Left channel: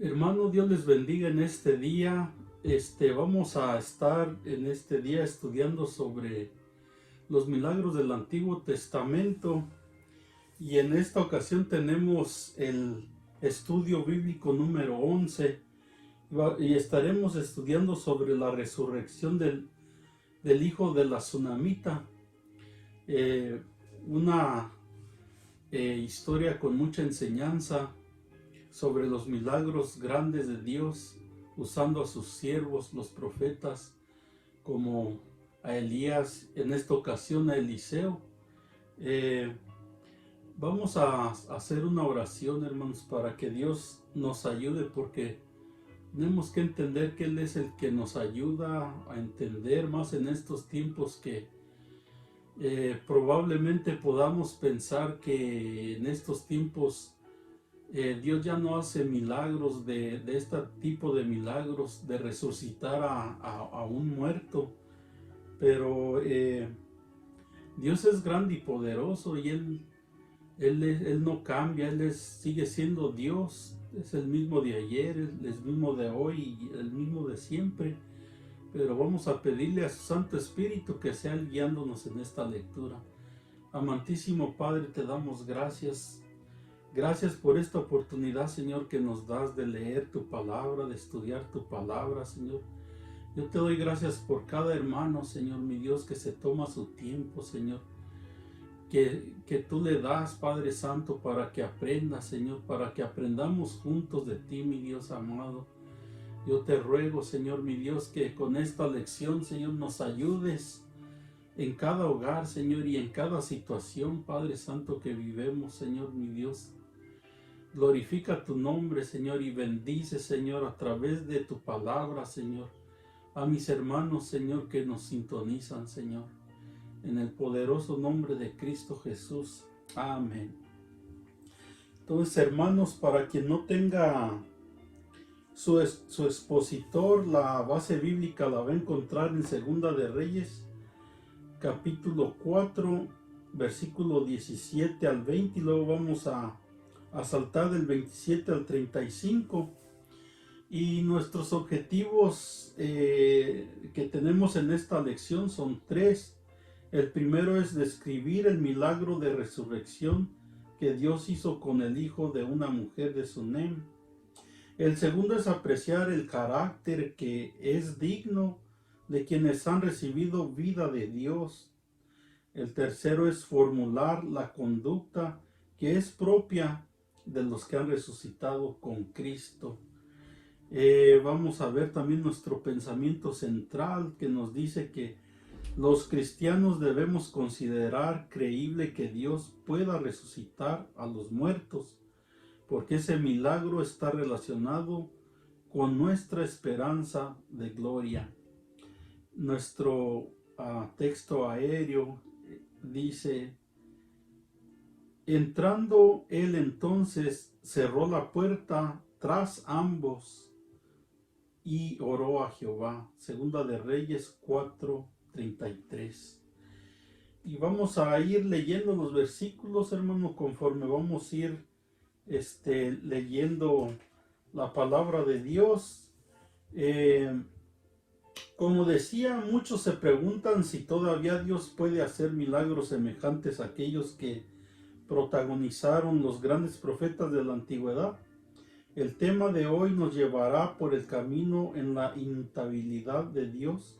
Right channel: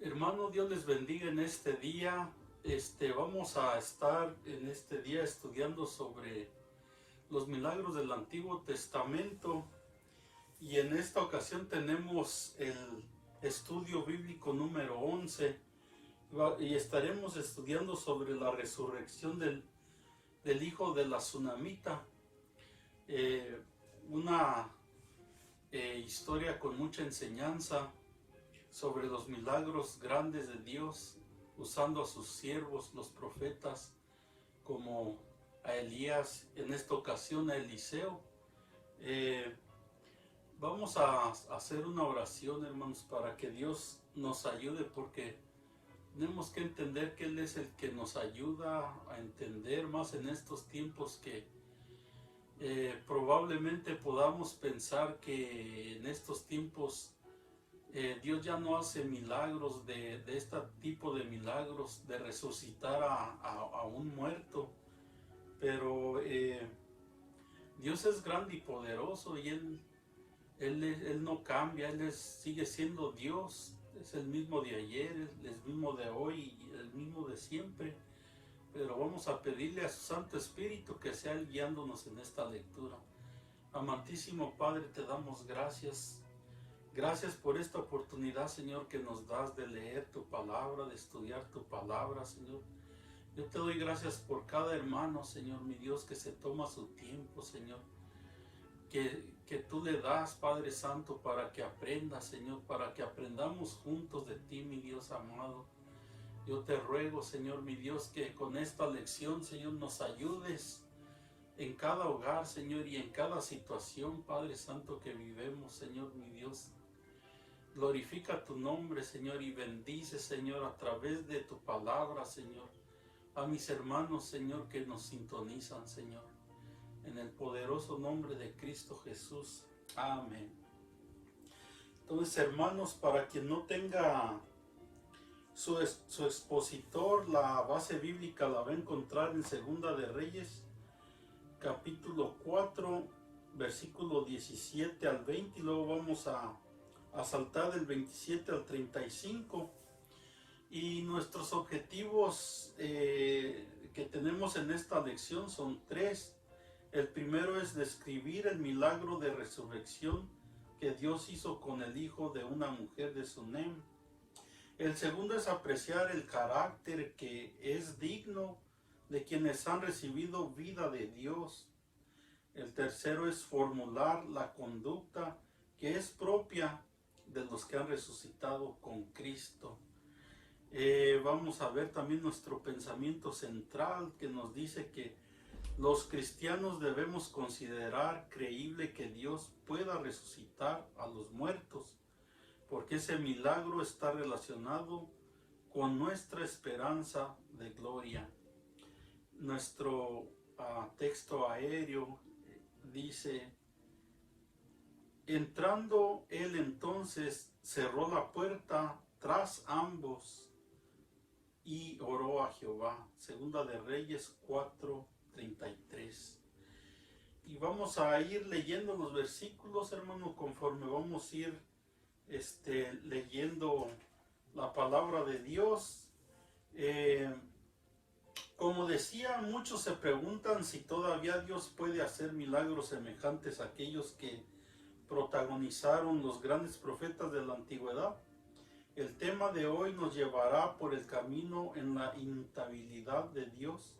Hermano, Dios les bendiga en este día. Vamos a estar en este día estudiando sobre los milagros del Antiguo Testamento y en esta ocasión tenemos el estudio bíblico número 11 y estaremos estudiando sobre la resurrección del hijo de la Tsunamita, eh, una historia con mucha enseñanza sobre los milagros grandes de Dios, usando a sus siervos, los profetas, como a Elías, en esta ocasión a Eliseo. Eh, Vamos a hacer una oración, hermanos, para que Dios nos ayude, porque tenemos que entender que Él es el que nos ayuda a entender más en estos tiempos que probablemente podamos pensar que en estos tiempos Dios ya no hace milagros de este tipo de milagros, de resucitar a un muerto, pero Dios es grande y poderoso y Él no cambia, sigue siendo Dios, es el mismo de ayer, el mismo de hoy y el mismo de siempre, pero vamos a pedirle a su Santo Espíritu que sea Él guiándonos en esta lectura. Amantísimo Padre, te damos gracias. Gracias por esta oportunidad, Señor, que nos das de leer tu palabra, de estudiar tu palabra, Señor. Yo te doy gracias por cada hermano, Señor, mi Dios, que se toma su tiempo, Señor. Que tú le das, Padre Santo, para que aprenda, Señor, para que aprendamos juntos de ti, mi Dios amado. Yo te ruego, Señor, mi Dios, que con esta lección, Señor, nos ayudes en cada hogar, Señor, y en cada situación, Padre Santo, que vivemos, Señor, mi Dios. Glorifica tu nombre, Señor, y bendice, Señor, a través de tu palabra, Señor, a mis hermanos, Señor, que nos sintonizan, Señor. En el poderoso nombre de Cristo Jesús. Amén. Entonces, hermanos, para quien no tenga su expositor, la base bíblica la va a encontrar en Segunda de Reyes, capítulo 4, versículo 17 al 20, y luego vamos a saltar del 27 al 35. Y nuestros objetivos que tenemos en esta lección son tres. El primero es describir el milagro de resurrección que Dios hizo con el hijo de una mujer de Sunem. El segundo es apreciar el carácter que es digno de quienes han recibido vida de Dios. El tercero es formular la conducta que es propia de los que han resucitado con Cristo. Vamos a ver también nuestro pensamiento central, que nos dice que los cristianos debemos considerar creíble que Dios pueda resucitar a los muertos, porque ese milagro está relacionado con nuestra esperanza de gloria. Nuestro texto aéreo dice: entrando él entonces cerró la puerta tras ambos y oró a Jehová. Segunda de Reyes 4:33. Y vamos a ir leyendo los versículos, hermano, conforme vamos a ir leyendo la palabra de Dios. Como decía, muchos se preguntan si todavía Dios puede hacer milagros semejantes a aquellos que protagonizaron los grandes profetas de la antigüedad. El tema de hoy nos llevará por el camino en la inmutabilidad de Dios.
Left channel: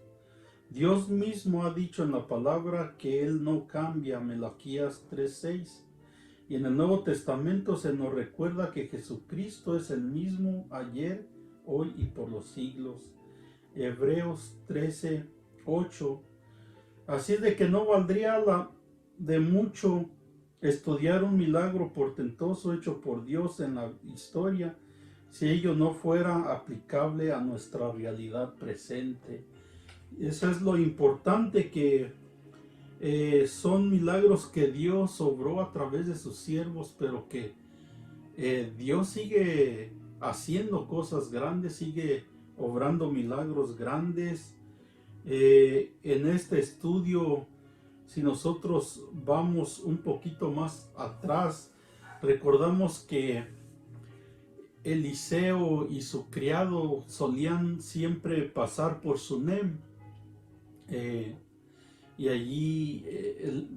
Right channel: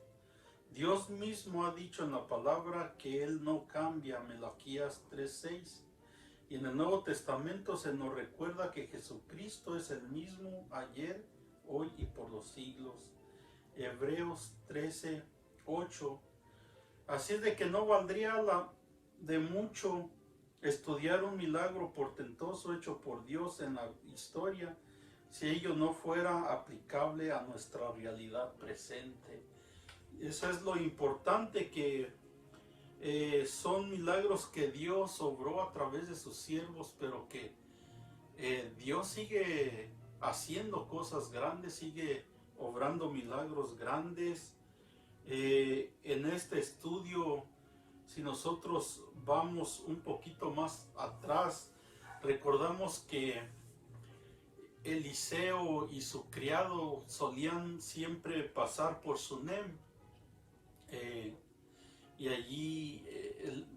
Dios mismo ha dicho en la palabra que Él no cambia, Malaquías 3:6. Y en el Nuevo Testamento se nos recuerda que Jesucristo es el mismo ayer, hoy y por los siglos. Hebreos 13:8. Así es de que no valdría de mucho estudiar un milagro portentoso hecho por Dios en la historia si ello no fuera aplicable a nuestra realidad presente. Eso es lo importante, que son milagros que Dios obró a través de sus siervos, pero que Dios sigue haciendo cosas grandes, sigue obrando milagros grandes. En este estudio, si nosotros vamos un poquito más atrás, recordamos que Eliseo y su criado solían siempre pasar por Sunem. Y allí,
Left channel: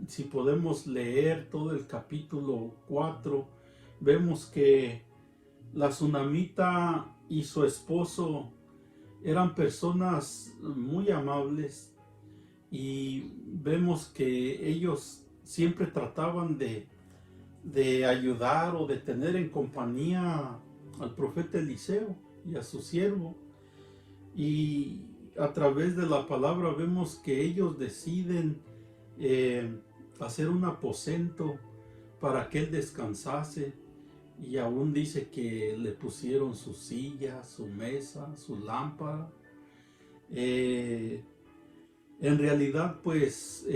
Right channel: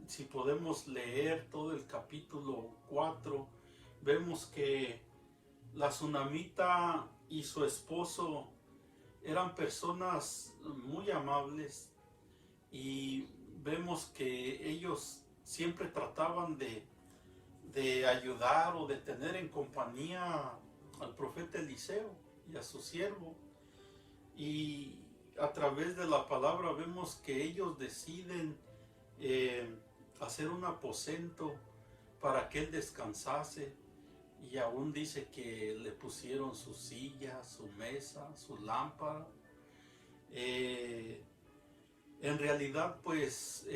si podemos leer todo el capítulo 4, vemos que la sunamita y su esposo eran personas muy amables, y vemos que ellos siempre trataban de ayudar o de tener en compañía al profeta Eliseo y a su siervo. Y a través de la palabra vemos que ellos deciden hacer un aposento para que él descansase, y aún dice que le pusieron su silla, su mesa, su lámpara. En realidad, pues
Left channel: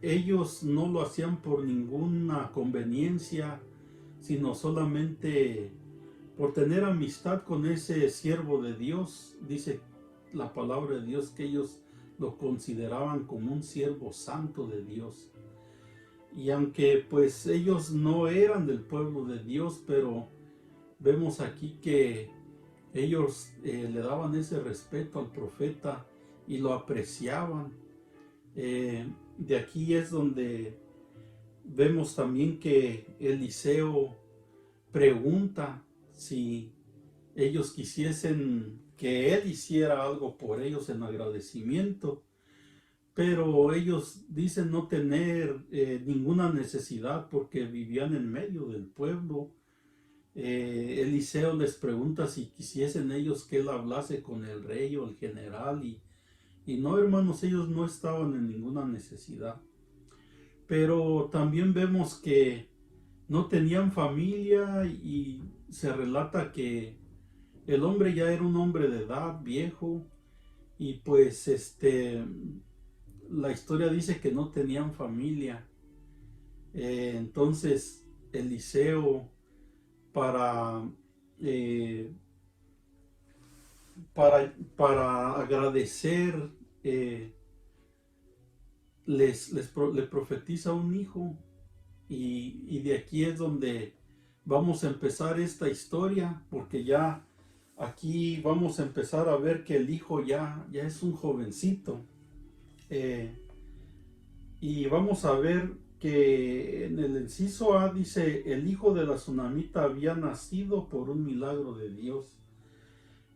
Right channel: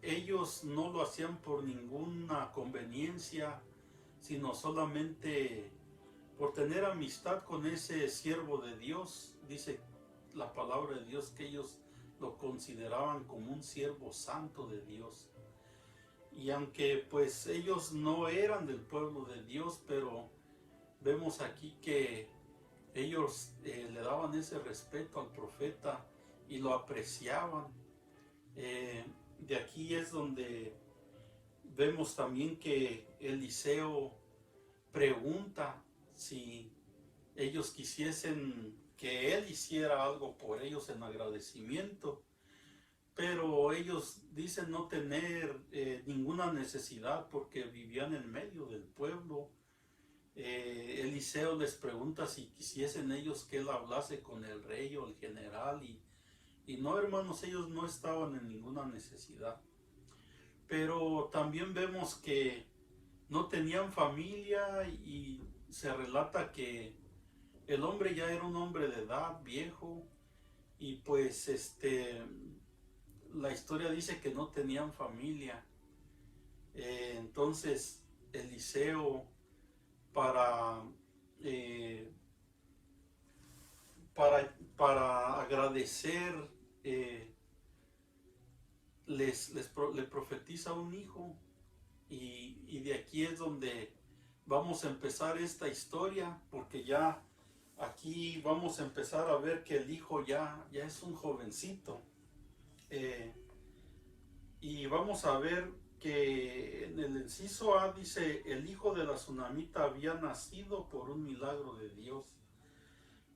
ellos no lo hacían por ninguna conveniencia, sino solamente por tener amistad con ese siervo de Dios. Dice la palabra de Dios que ellos lo consideraban como un siervo santo de Dios. Y aunque pues ellos no eran del pueblo de Dios, pero vemos aquí que ellos le daban ese respeto al profeta y lo apreciaban. De aquí es donde vemos también que Eliseo pregunta si ellos quisiesen que él hiciera algo por ellos en agradecimiento, pero ellos dicen no tener ninguna necesidad porque vivían en medio del pueblo. Eliseo les pregunta si quisiesen ellos que él hablase con el rey o el general, y no, hermanos, ellos no estaban en ninguna necesidad. Pero también vemos que no tenían familia, y se relata que el hombre ya era un hombre de edad, viejo, y pues la historia dice que no tenían familia. Entonces Eliseo, para, eh, para agradecer, le profetiza un hijo, y de aquí es donde vamos a empezar esta historia, porque ya aquí vamos a empezar a ver que el hijo ya es un jovencito. Y vamos a ver que en el inciso A dice: el hijo de la sunamita había nacido por un milagro de Dios.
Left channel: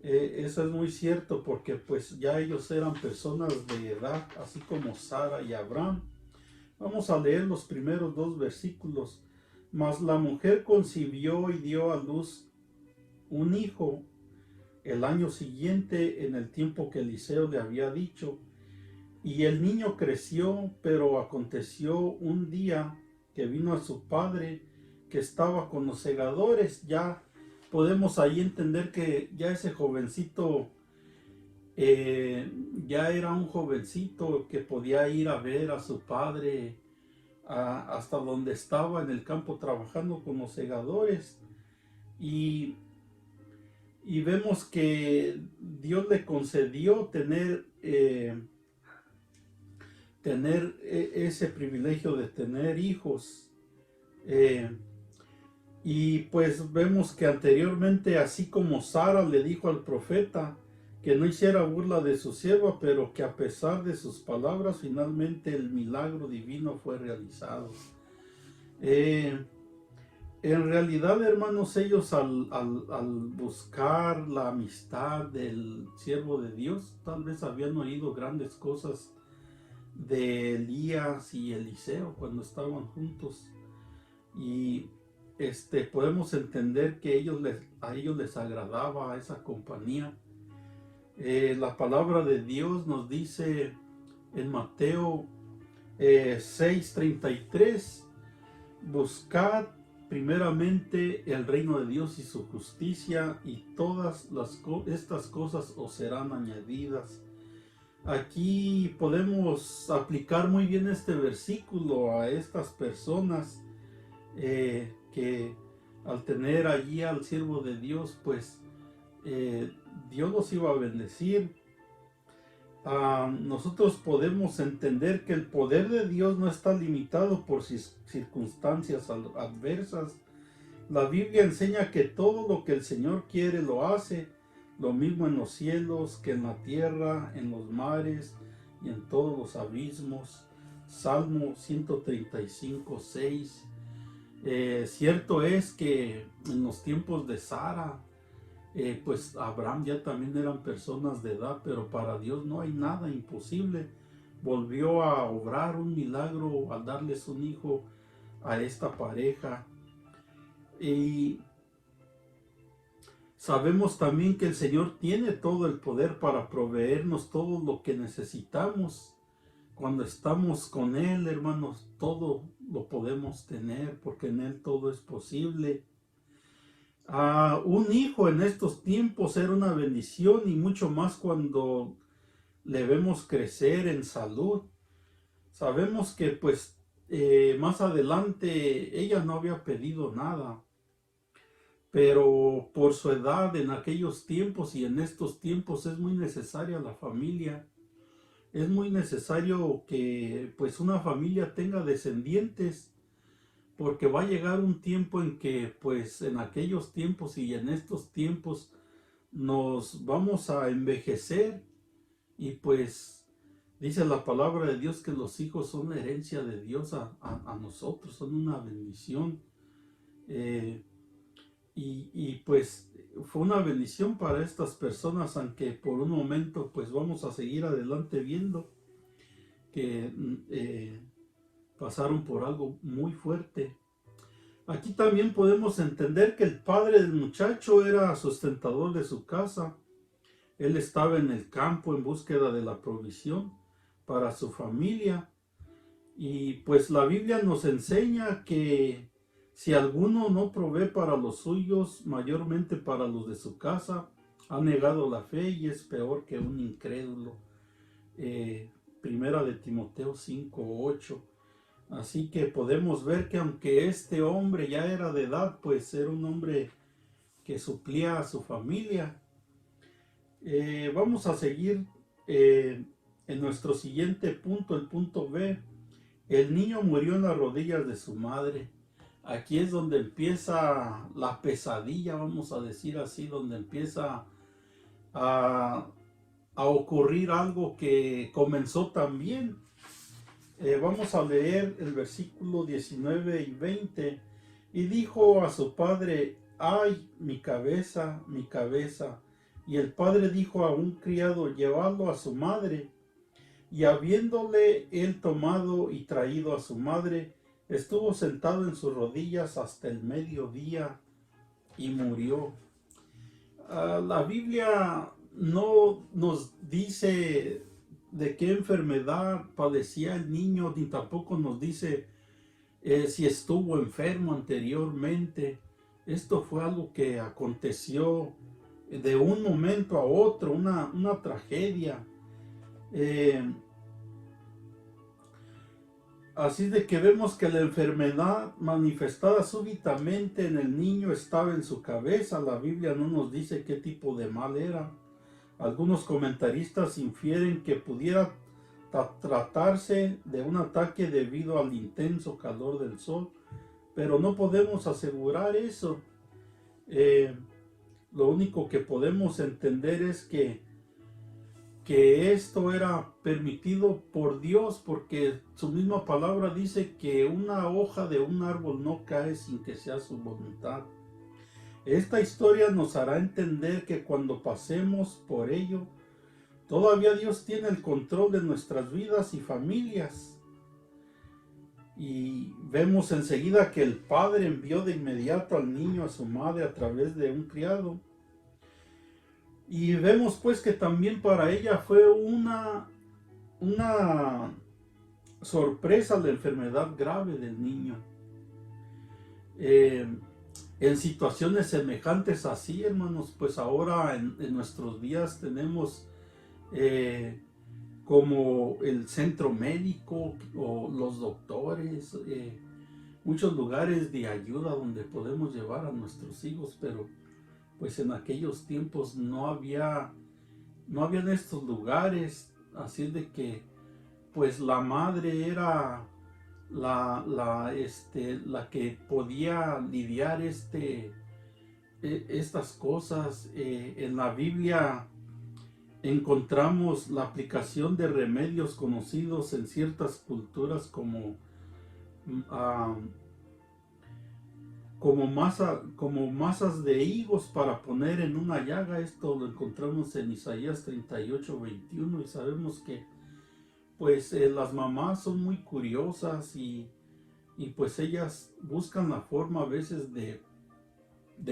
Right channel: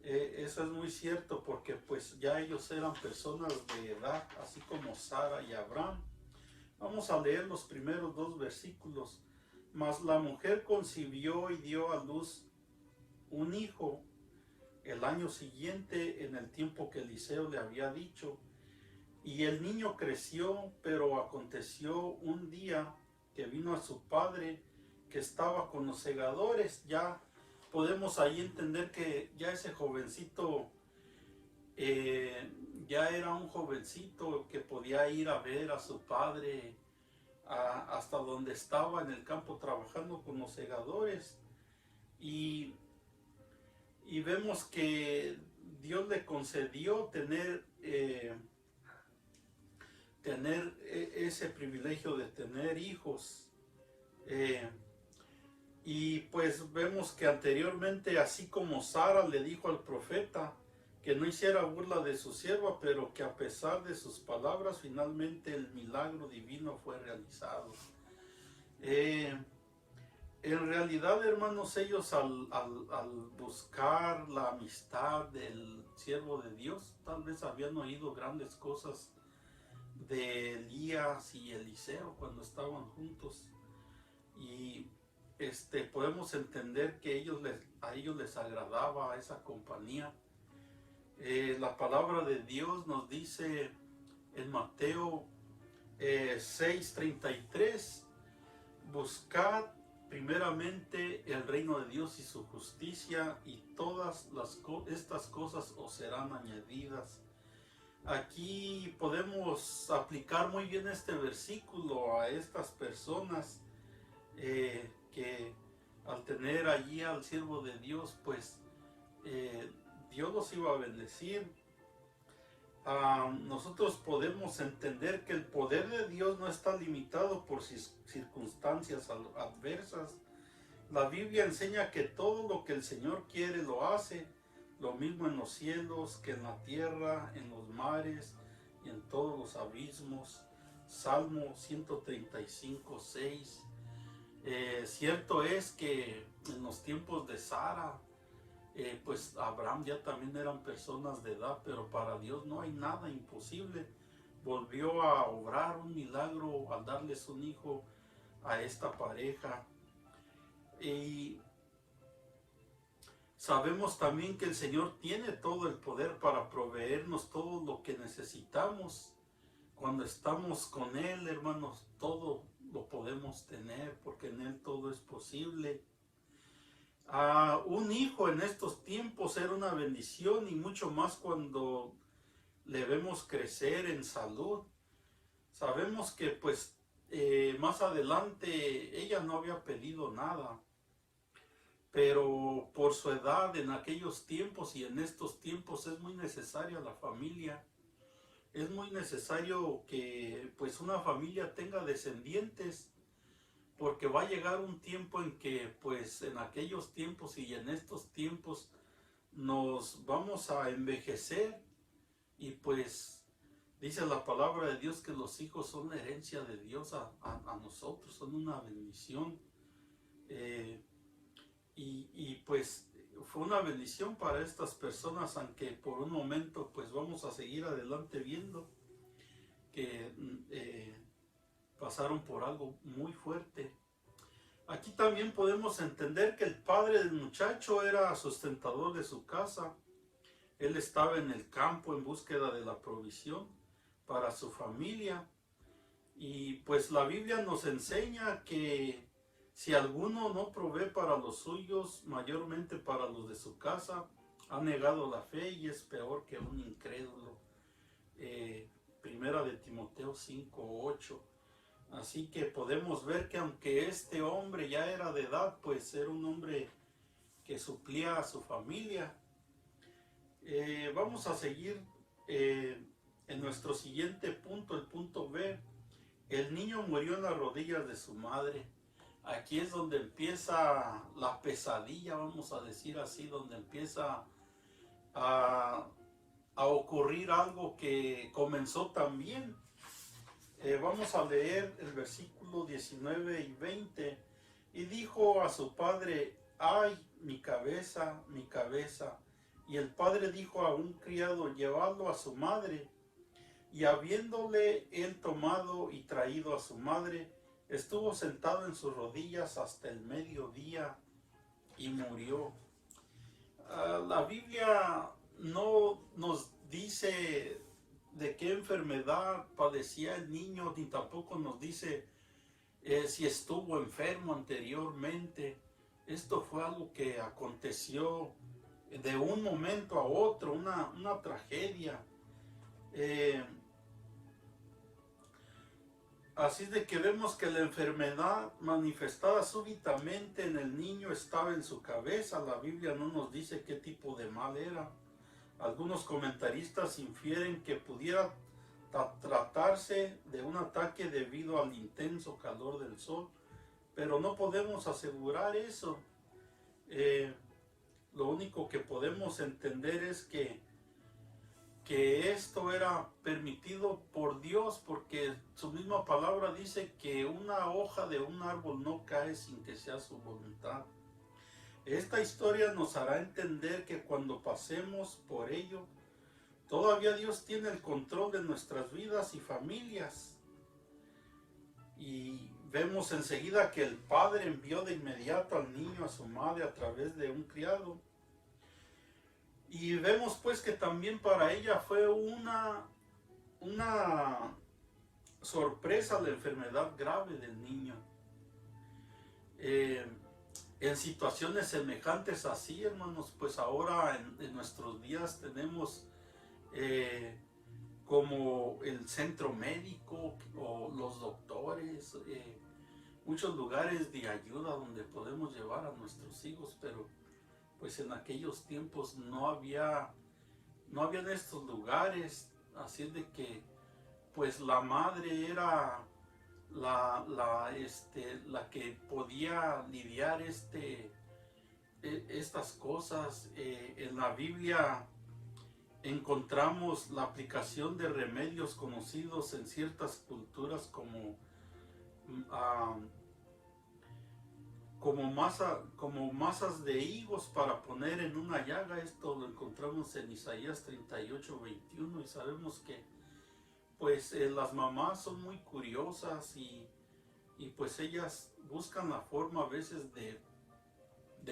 Eso es muy cierto, porque pues ya ellos eran personas de edad, así como Sara y Abraham. Vamos a leer los primeros 2 versículos. Mas la mujer concibió y dio a luz un hijo el año siguiente, en el tiempo que Eliseo le había dicho. Y el niño creció, pero aconteció un día que vino a su padre, que estaba con los segadores. Ya podemos ahí entender que ya ese jovencito ya era un jovencito que podía ir a ver a su padre hasta donde estaba en el campo trabajando con los segadores. Y vemos que Dios le concedió tener ese privilegio de tener hijos. Y pues vemos que anteriormente, así como Sara le dijo al profeta que no hiciera burla de su sierva, pero que a pesar de sus palabras, finalmente el milagro divino fue realizado. En realidad, hermanos, ellos al buscar la amistad del siervo de Dios, tal vez habían oído grandes cosas de Elías y Eliseo cuando estaban juntos, y podemos entender que a ellos les agradaba esa compañía. La palabra de Dios nos dice en Mateo 6:33: buscad primeramente el reino de Dios y su justicia, y todas estas cosas os serán añadidas. Aquí podemos aplicar muy bien este versículo a estas personas que al tener allí al siervo de Dios, pues Dios los iba a bendecir. Nosotros podemos entender que el poder de Dios no está limitado por circunstancias adversas La Biblia enseña que todo lo que el Señor quiere lo hace, lo mismo en los cielos que en la tierra, en los mares y en todos los abismos. Salmo 135, 6. Cierto es que en los tiempos de Sara, pues Abraham ya también eran personas de edad, pero para Dios no hay nada imposible. Volvió a obrar un milagro al darles un hijo a esta pareja. Y sabemos también que el Señor tiene todo el poder para proveernos todo lo que necesitamos. Cuando estamos con Él, hermanos, todo lo podemos tener porque en Él todo es posible. Un hijo en estos tiempos era una bendición y mucho más cuando le vemos crecer en salud. Sabemos que pues más adelante ella no había pedido nada, pero por su edad en aquellos tiempos y en estos tiempos es muy necesaria la familia. Es muy necesario que pues una familia tenga descendientes, porque va a llegar un tiempo en que pues en aquellos tiempos y en estos tiempos nos vamos a envejecer y pues dice la palabra de Dios que los hijos son la herencia de Dios a nosotros, son una bendición. Y pues fue una bendición para estas personas, aunque por un momento pues vamos a seguir adelante viendo que pasaron por algo muy fuerte. Aquí también podemos entender que el padre del muchacho era sustentador de su casa. Él estaba en el campo en búsqueda de la provisión para su familia. Y pues la Biblia nos enseña que si alguno no provee para los suyos, mayormente para los de su casa, ha negado la fe y es peor que un incrédulo. Primera de Timoteo 5:8. Así que podemos ver que aunque este hombre ya era de edad, pues era un hombre que suplía a su familia. Vamos a seguir en nuestro siguiente punto, el punto B. El niño murió en las rodillas de su madre. Aquí es donde empieza la pesadilla, vamos a decir así, donde empieza a, a ocurrir algo que comenzó también. Vamos a leer el versículo 19 y 20. Y dijo a su padre: ay, mi cabeza, mi cabeza. Y el padre dijo a un criado: llevadlo a su madre. Y habiéndole él tomado y traído a su madre, estuvo sentado en sus rodillas hasta el mediodía y murió. La Biblia no nos dice de qué enfermedad padecía el niño, ni tampoco nos dice si estuvo enfermo anteriormente. Esto fue algo que aconteció de un momento a otro, una tragedia. Así de que vemos que la enfermedad manifestada súbitamente en el niño estaba en su cabeza. La Biblia no nos dice qué tipo de mal era. Algunos comentaristas infieren que pudiera tratarse de un ataque debido al intenso calor del sol, pero no podemos asegurar eso. Lo único que podemos entender es que esto era permitido por Dios, porque su misma palabra dice que una hoja de un árbol no cae sin que sea su voluntad. Esta historia nos hará entender que cuando pasemos por ello, todavía Dios tiene el control de nuestras vidas y familias. Y vemos enseguida que el padre envió de inmediato al niño a su madre a través de un criado. Y vemos pues que también para ella fue una sorpresa la enfermedad grave del niño. En situaciones semejantes así, hermanos, pues ahora en nuestros días tenemos como el centro médico o los doctores, muchos lugares de ayuda donde podemos llevar a nuestros hijos, pero pues en aquellos tiempos no habían estos lugares, así es de que pues la madre era la que podía lidiar estas cosas. En la Biblia encontramos la aplicación de remedios conocidos en ciertas culturas ah, como masas de higos para poner en una llaga. Esto lo encontramos en Isaías 38:21, y sabemos que pues las mamás son muy curiosas, y pues ellas buscan la forma a veces de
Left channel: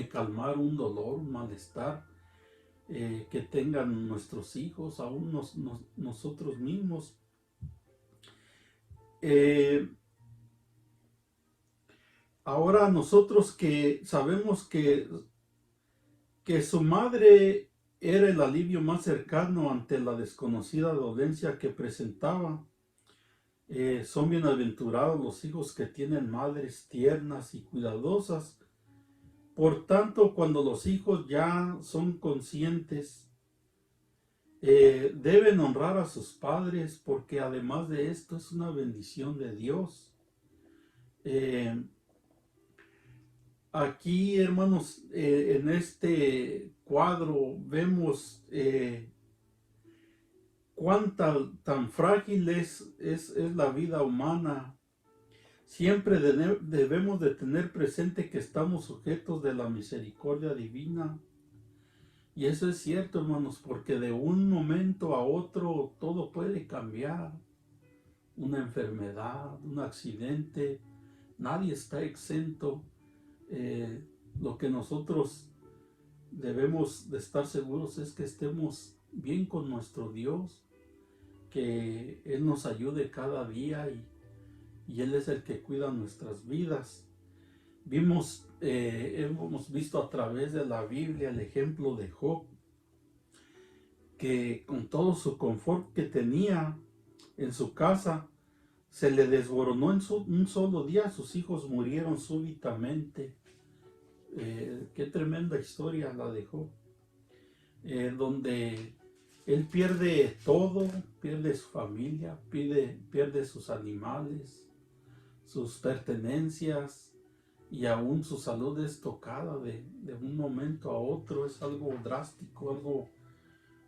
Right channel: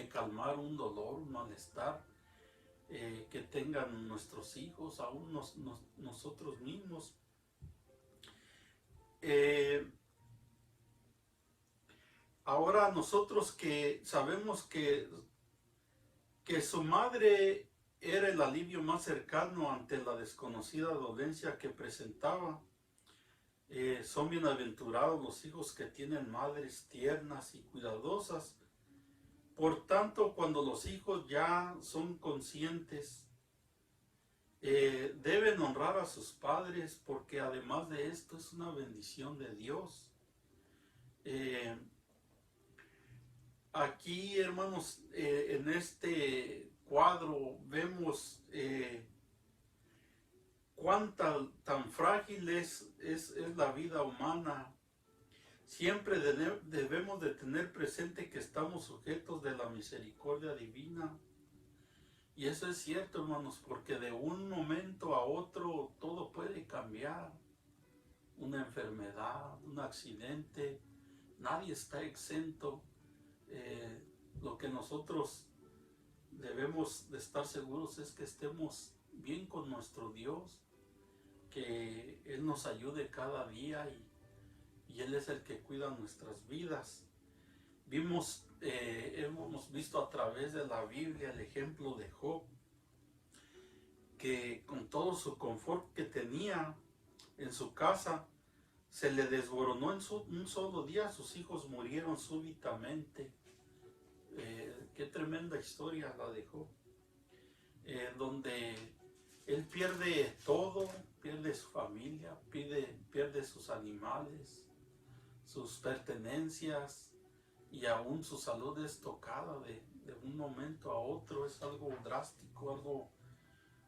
calmar un dolor, un malestar que tengan nuestros hijos, aún nosotros mismos. Ahora nosotros que sabemos que su madre era el alivio más cercano ante la desconocida dolencia que presentaba, son bienaventurados los hijos que tienen madres tiernas y cuidadosas. Por tanto, cuando los hijos ya son conscientes, deben honrar a sus padres, porque además de esto es una bendición de Dios. Aquí, hermanos, en este cuadro vemos tan frágil es la vida humana. Siempre debemos de tener presente que estamos sujetos de la misericordia divina. Y eso es cierto, hermanos, porque de un momento a otro todo puede cambiar. Una enfermedad, un accidente, nadie está exento. Lo que nosotros debemos de estar seguros es que estemos bien con nuestro Dios, que Él nos ayude cada día, y Él es el que cuida nuestras vidas. Hemos visto a través de la Biblia el ejemplo de Job, que con todo su confort que tenía en su casa, se le desboronó en un solo día. Sus hijos murieron súbitamente. Qué tremenda historia la de Job, donde él pierde todo, pierde su familia, pierde sus animales, sus pertenencias, y aún su salud es tocada de un momento a otro. Es algo drástico,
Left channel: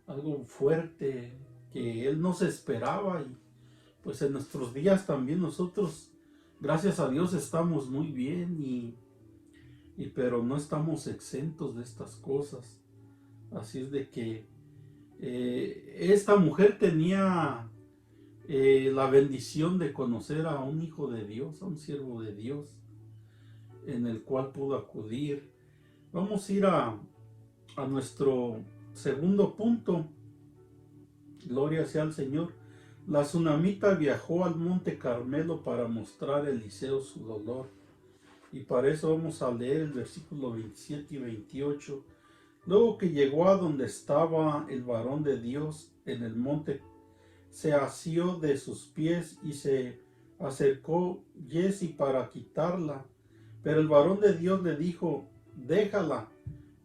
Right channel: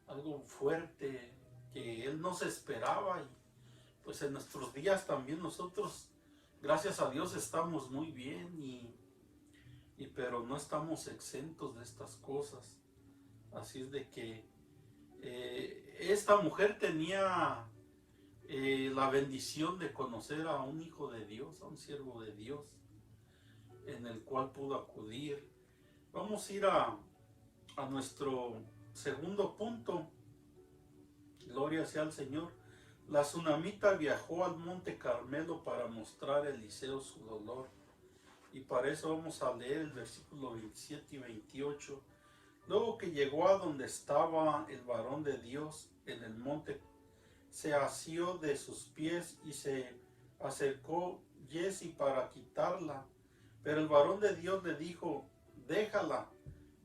algo fuerte que él no se esperaba. Y pues en nuestros días también nosotros, gracias a Dios, estamos muy bien, pero no estamos exentos de estas cosas. Así es de que esta mujer tenía la bendición de conocer a un hijo de Dios, a un siervo de Dios, en el cual pudo acudir. Vamos a ir a nuestro segundo punto. Gloria sea al Señor. La tsunamita viajó al monte Carmelo para mostrar a Eliseo su dolor. Y para eso vamos a leer el versículo 27 y 28. Luego que llegó a donde estaba el varón de Dios en el monte, se asió de sus pies y se acercó Giezi para quitarla. Pero el varón de Dios le dijo: déjala,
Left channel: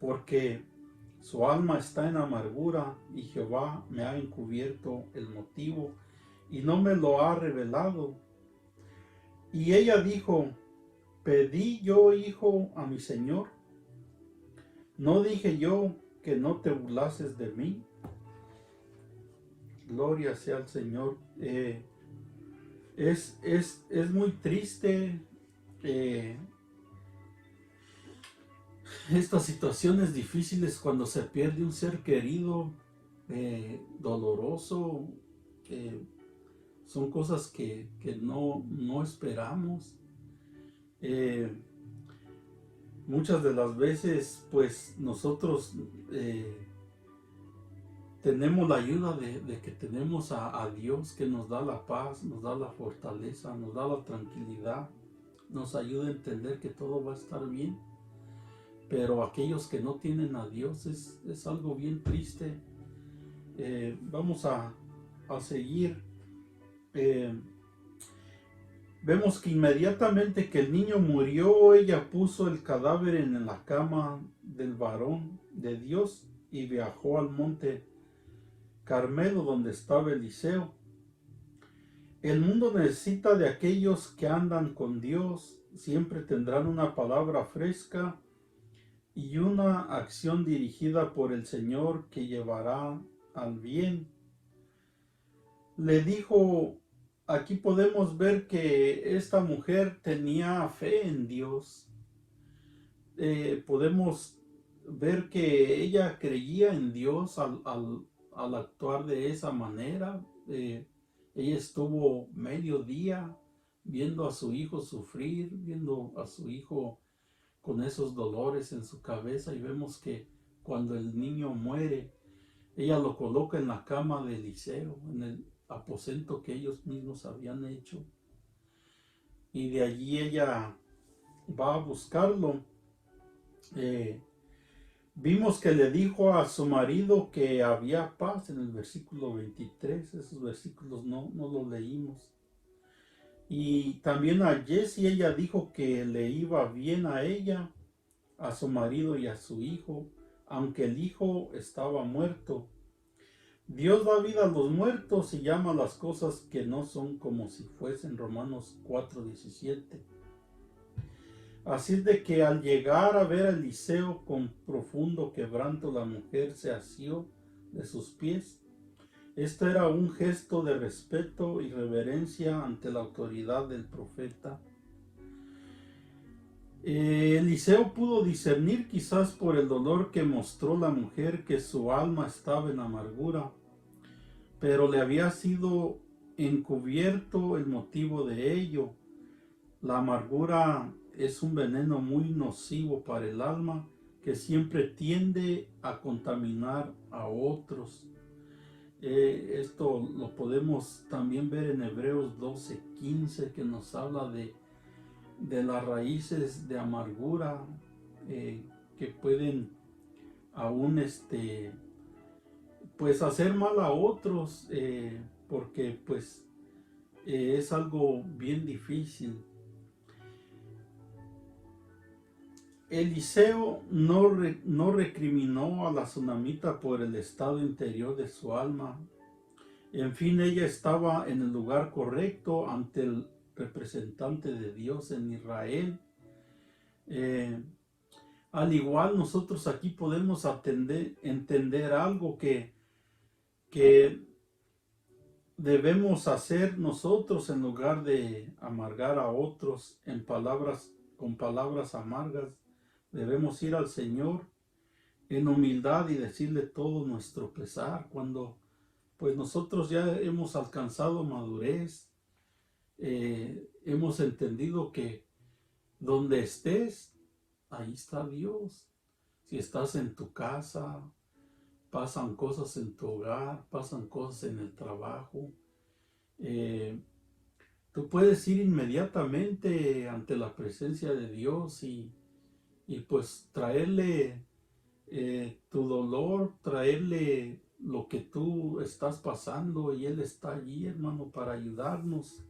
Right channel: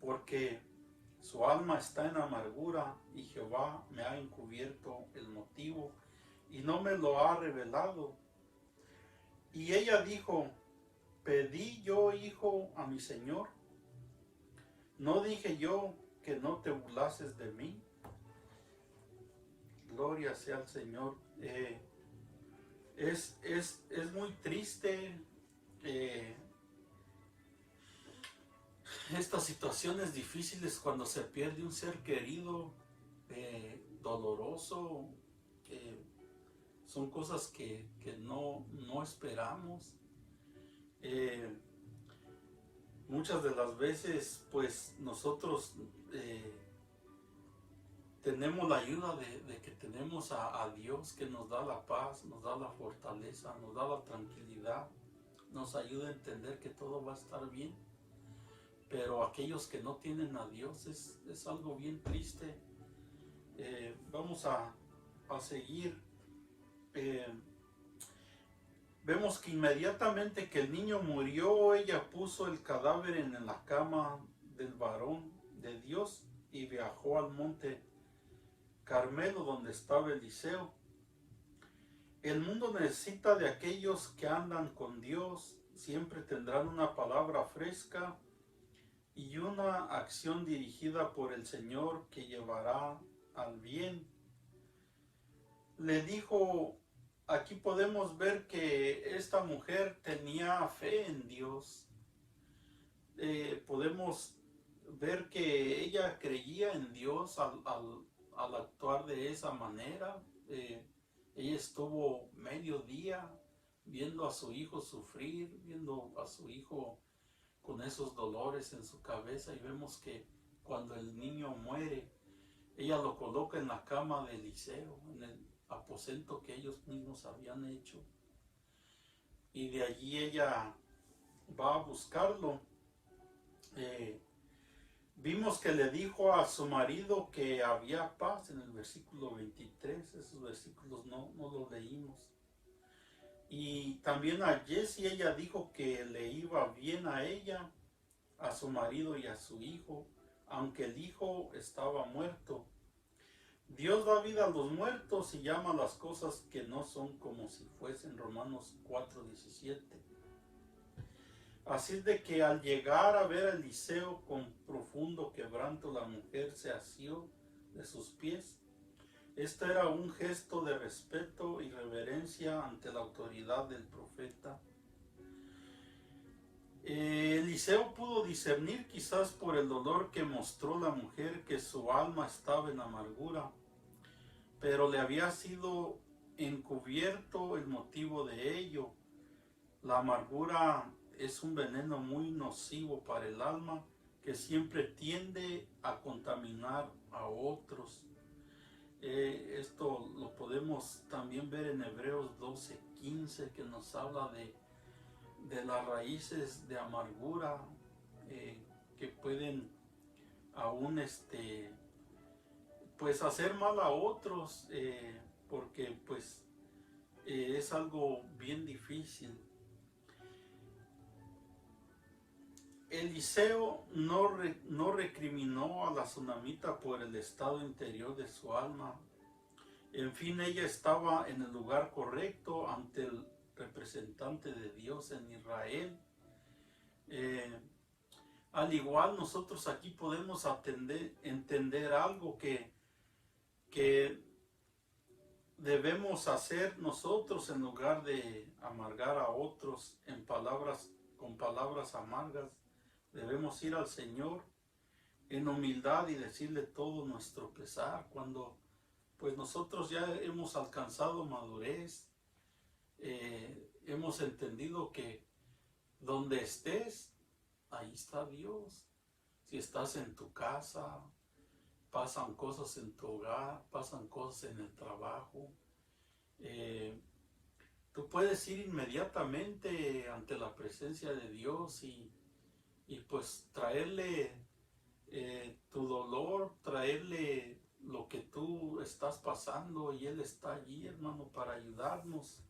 porque su alma está en amargura, y Jehová me ha encubierto el motivo y no me lo ha revelado. Y ella dijo: ¿pedí yo hijo a mi señor? ¿No dije yo que no te burlases de mí? Gloria sea al Señor. Es muy triste estas situaciones difíciles cuando se pierde un ser querido, doloroso. Son cosas que no esperamos. Muchas de las veces pues nosotros tenemos la ayuda de que tenemos a Dios, que nos da la paz, nos da la fortaleza, nos da la tranquilidad, nos ayuda a entender que todo va a estar bien. Pero aquellos que no tienen a Dios es algo bien triste. Vamos a seguir. Vemos que inmediatamente que el niño murió, ella puso el cadáver en la cama del varón de Dios y viajó al monte Carmelo, donde estaba Eliseo. El mundo necesita de aquellos que andan con Dios, siempre tendrán una palabra fresca y una acción dirigida por el Señor que llevará al bien. Le dijo, aquí podemos ver que esta mujer tenía fe en Dios. Podemos ver que ella creía en Dios al actuar de esa manera. Ella estuvo medio día viendo a su hijo sufrir, viendo a su hijo con esos dolores en su cabeza, y vemos que cuando el niño muere, ella lo coloca en la cama de Eliseo, en el aposento que ellos mismos habían hecho, y de allí ella va a buscarlo. Vimos que le dijo a su marido que había paz en el versículo 23, esos versículos no los leímos. Y también a Jessie ella dijo que le iba bien a ella, a su marido y a su hijo, aunque el hijo estaba muerto. Dios da vida a los muertos y llama las cosas que no son como si fuesen. Romanos 4:17. Así de que al llegar a ver a Eliseo con profundo quebranto, la mujer se asió de sus pies. Esto era un gesto de respeto y reverencia ante la autoridad del profeta. Eliseo pudo discernir, quizás por el dolor que mostró la mujer, que su alma estaba en amargura, pero le había sido encubierto el motivo de ello. La amargura es un veneno muy nocivo para el alma que siempre tiende a contaminar a otros. Esto lo podemos también ver en Hebreos 12:15, que nos habla de las raíces de amargura que pueden aún pues hacer mal a otros, porque pues es algo bien difícil. Eliseo no recriminó a la tsunamita por el estado interior de su alma. En fin, ella estaba en el lugar correcto ante el representante de Dios en Israel. Al igual, nosotros aquí podemos entender algo que debemos hacer nosotros en lugar de amargar a otros con palabras amargas. Debemos ir al Señor en humildad y decirle todo nuestro pesar cuando pues nosotros ya hemos alcanzado madurez, hemos entendido que donde estés, ahí está Dios. Si estás en tu casa, pasan cosas en tu hogar, pasan cosas en el trabajo. Tú puedes ir inmediatamente ante la presencia de Dios y pues traerle tu dolor, traerle lo que tú estás pasando, y Él está allí, hermano, para ayudarnos.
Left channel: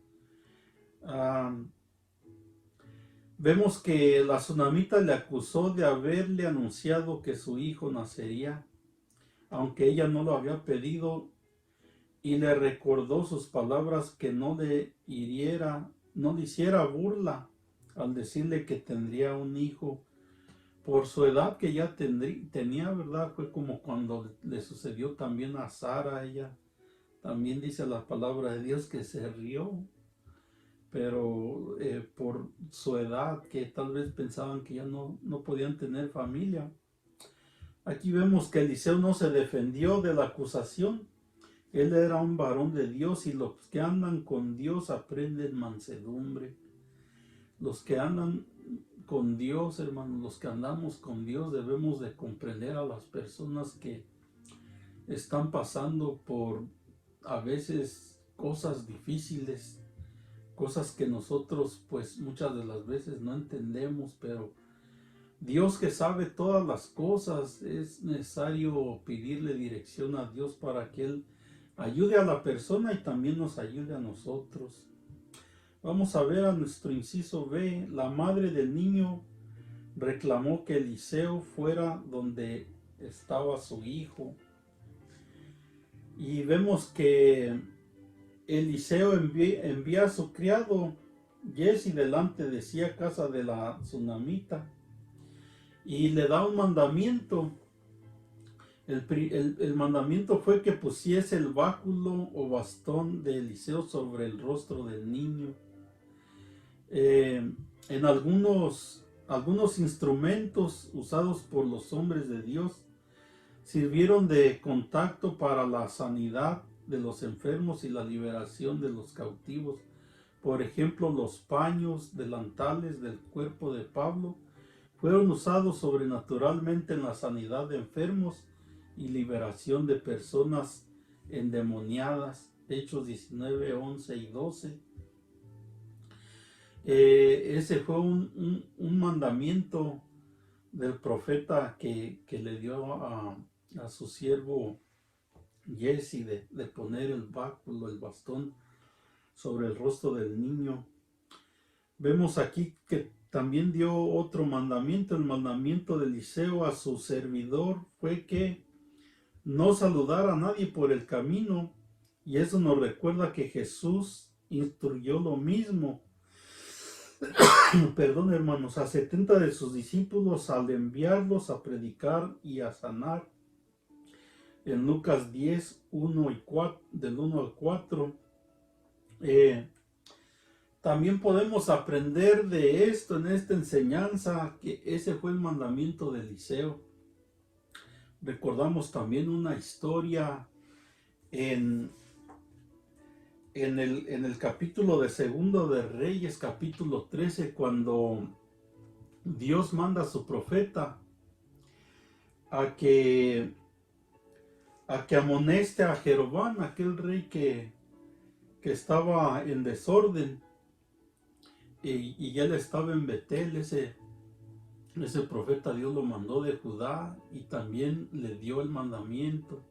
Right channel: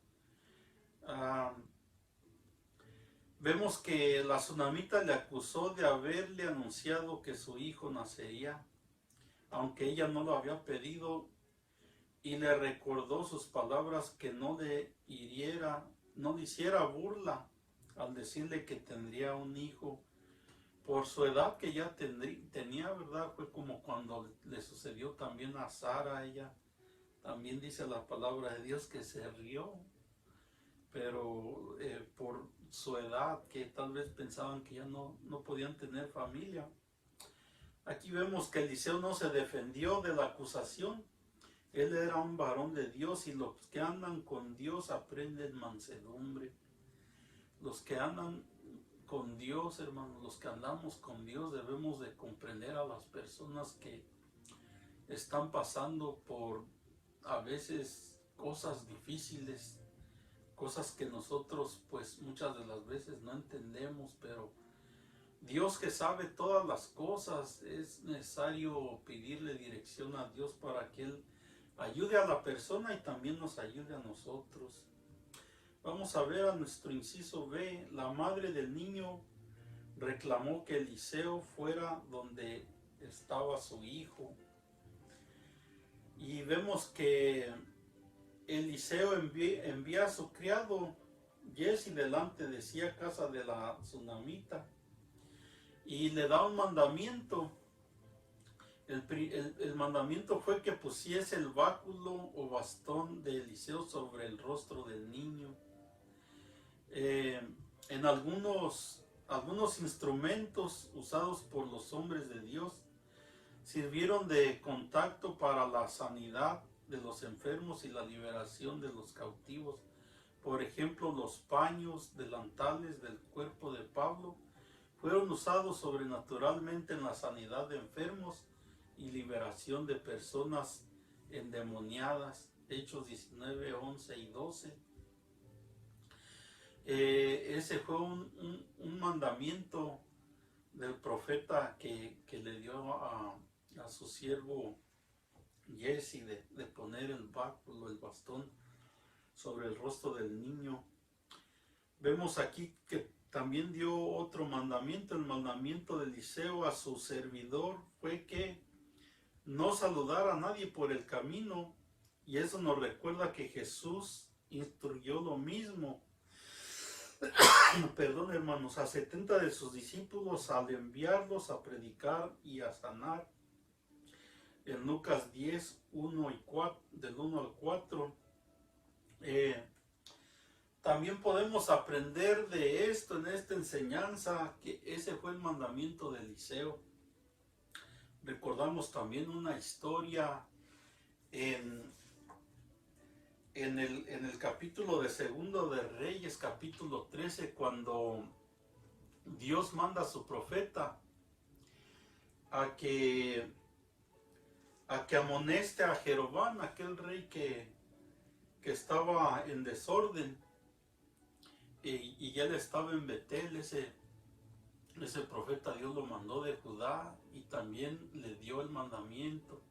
Vemos que la tsunamita le acusó de haberle anunciado que su hijo nacería, aunque ella no lo había pedido, y le recordó sus palabras que no le hiciera burla al decirle que tendría un hijo por su edad que ya tenía, ¿verdad? Fue como cuando le sucedió también a Sara. Ella también dice la palabra de Dios que se rió, pero por su edad, que tal vez pensaban que ya no podían tener familia. Aquí vemos que Eliseo no se defendió de la acusación. Él era un varón de Dios, y los que andan con Dios aprenden mansedumbre. Los que andan con Dios, hermanos, los que andamos con Dios, debemos de comprender a las personas que están pasando por a veces cosas difíciles, cosas que nosotros pues muchas de las veces no entendemos, pero Dios, que sabe todas las cosas, es necesario pedirle dirección a Dios para que Él ayude a la persona y también nos ayude a nosotros. Vamos a ver a nuestro inciso B. La madre del niño reclamó que Eliseo fuera donde estaba su hijo. Y vemos que Eliseo envía a su criado Giesi delante de sí a casa de la tsunamita y le da un mandamiento. El mandamiento fue que pusiese el báculo o bastón de Eliseo sobre el rostro del niño. En algunos instrumentos usados por los hombres de Dios sirvieron de contacto para la sanidad de los enfermos y la liberación de los cautivos. Por ejemplo, los paños, delantales del cuerpo de Pablo fueron usados sobrenaturalmente en la sanidad de enfermos y liberación de personas endemoniadas. Hechos 19, 11 y 12. Ese fue un mandamiento del profeta que le dio a su siervo Giesi de poner el báculo, el bastón sobre el rostro del niño. Vemos aquí que también dio otro mandamiento. El mandamiento de Eliseo a su servidor fue que no saludara a nadie por el camino, y eso nos recuerda que Jesús instruyó lo mismo perdón, hermanos, a 70 de sus discípulos al enviarlos a predicar y a sanar. En Lucas 10, 1 y 4, del 1 al 4. También podemos aprender de esto, en esta enseñanza, que ese fue el mandamiento de Eliseo. Recordamos también una historia en el capítulo de Segundo de Reyes, capítulo 13, cuando Dios manda a su profeta a que amoneste a Jeroboam, aquel rey que estaba en desorden, y él estaba en Betel. Ese profeta Dios lo mandó de Judá y también le dio el mandamiento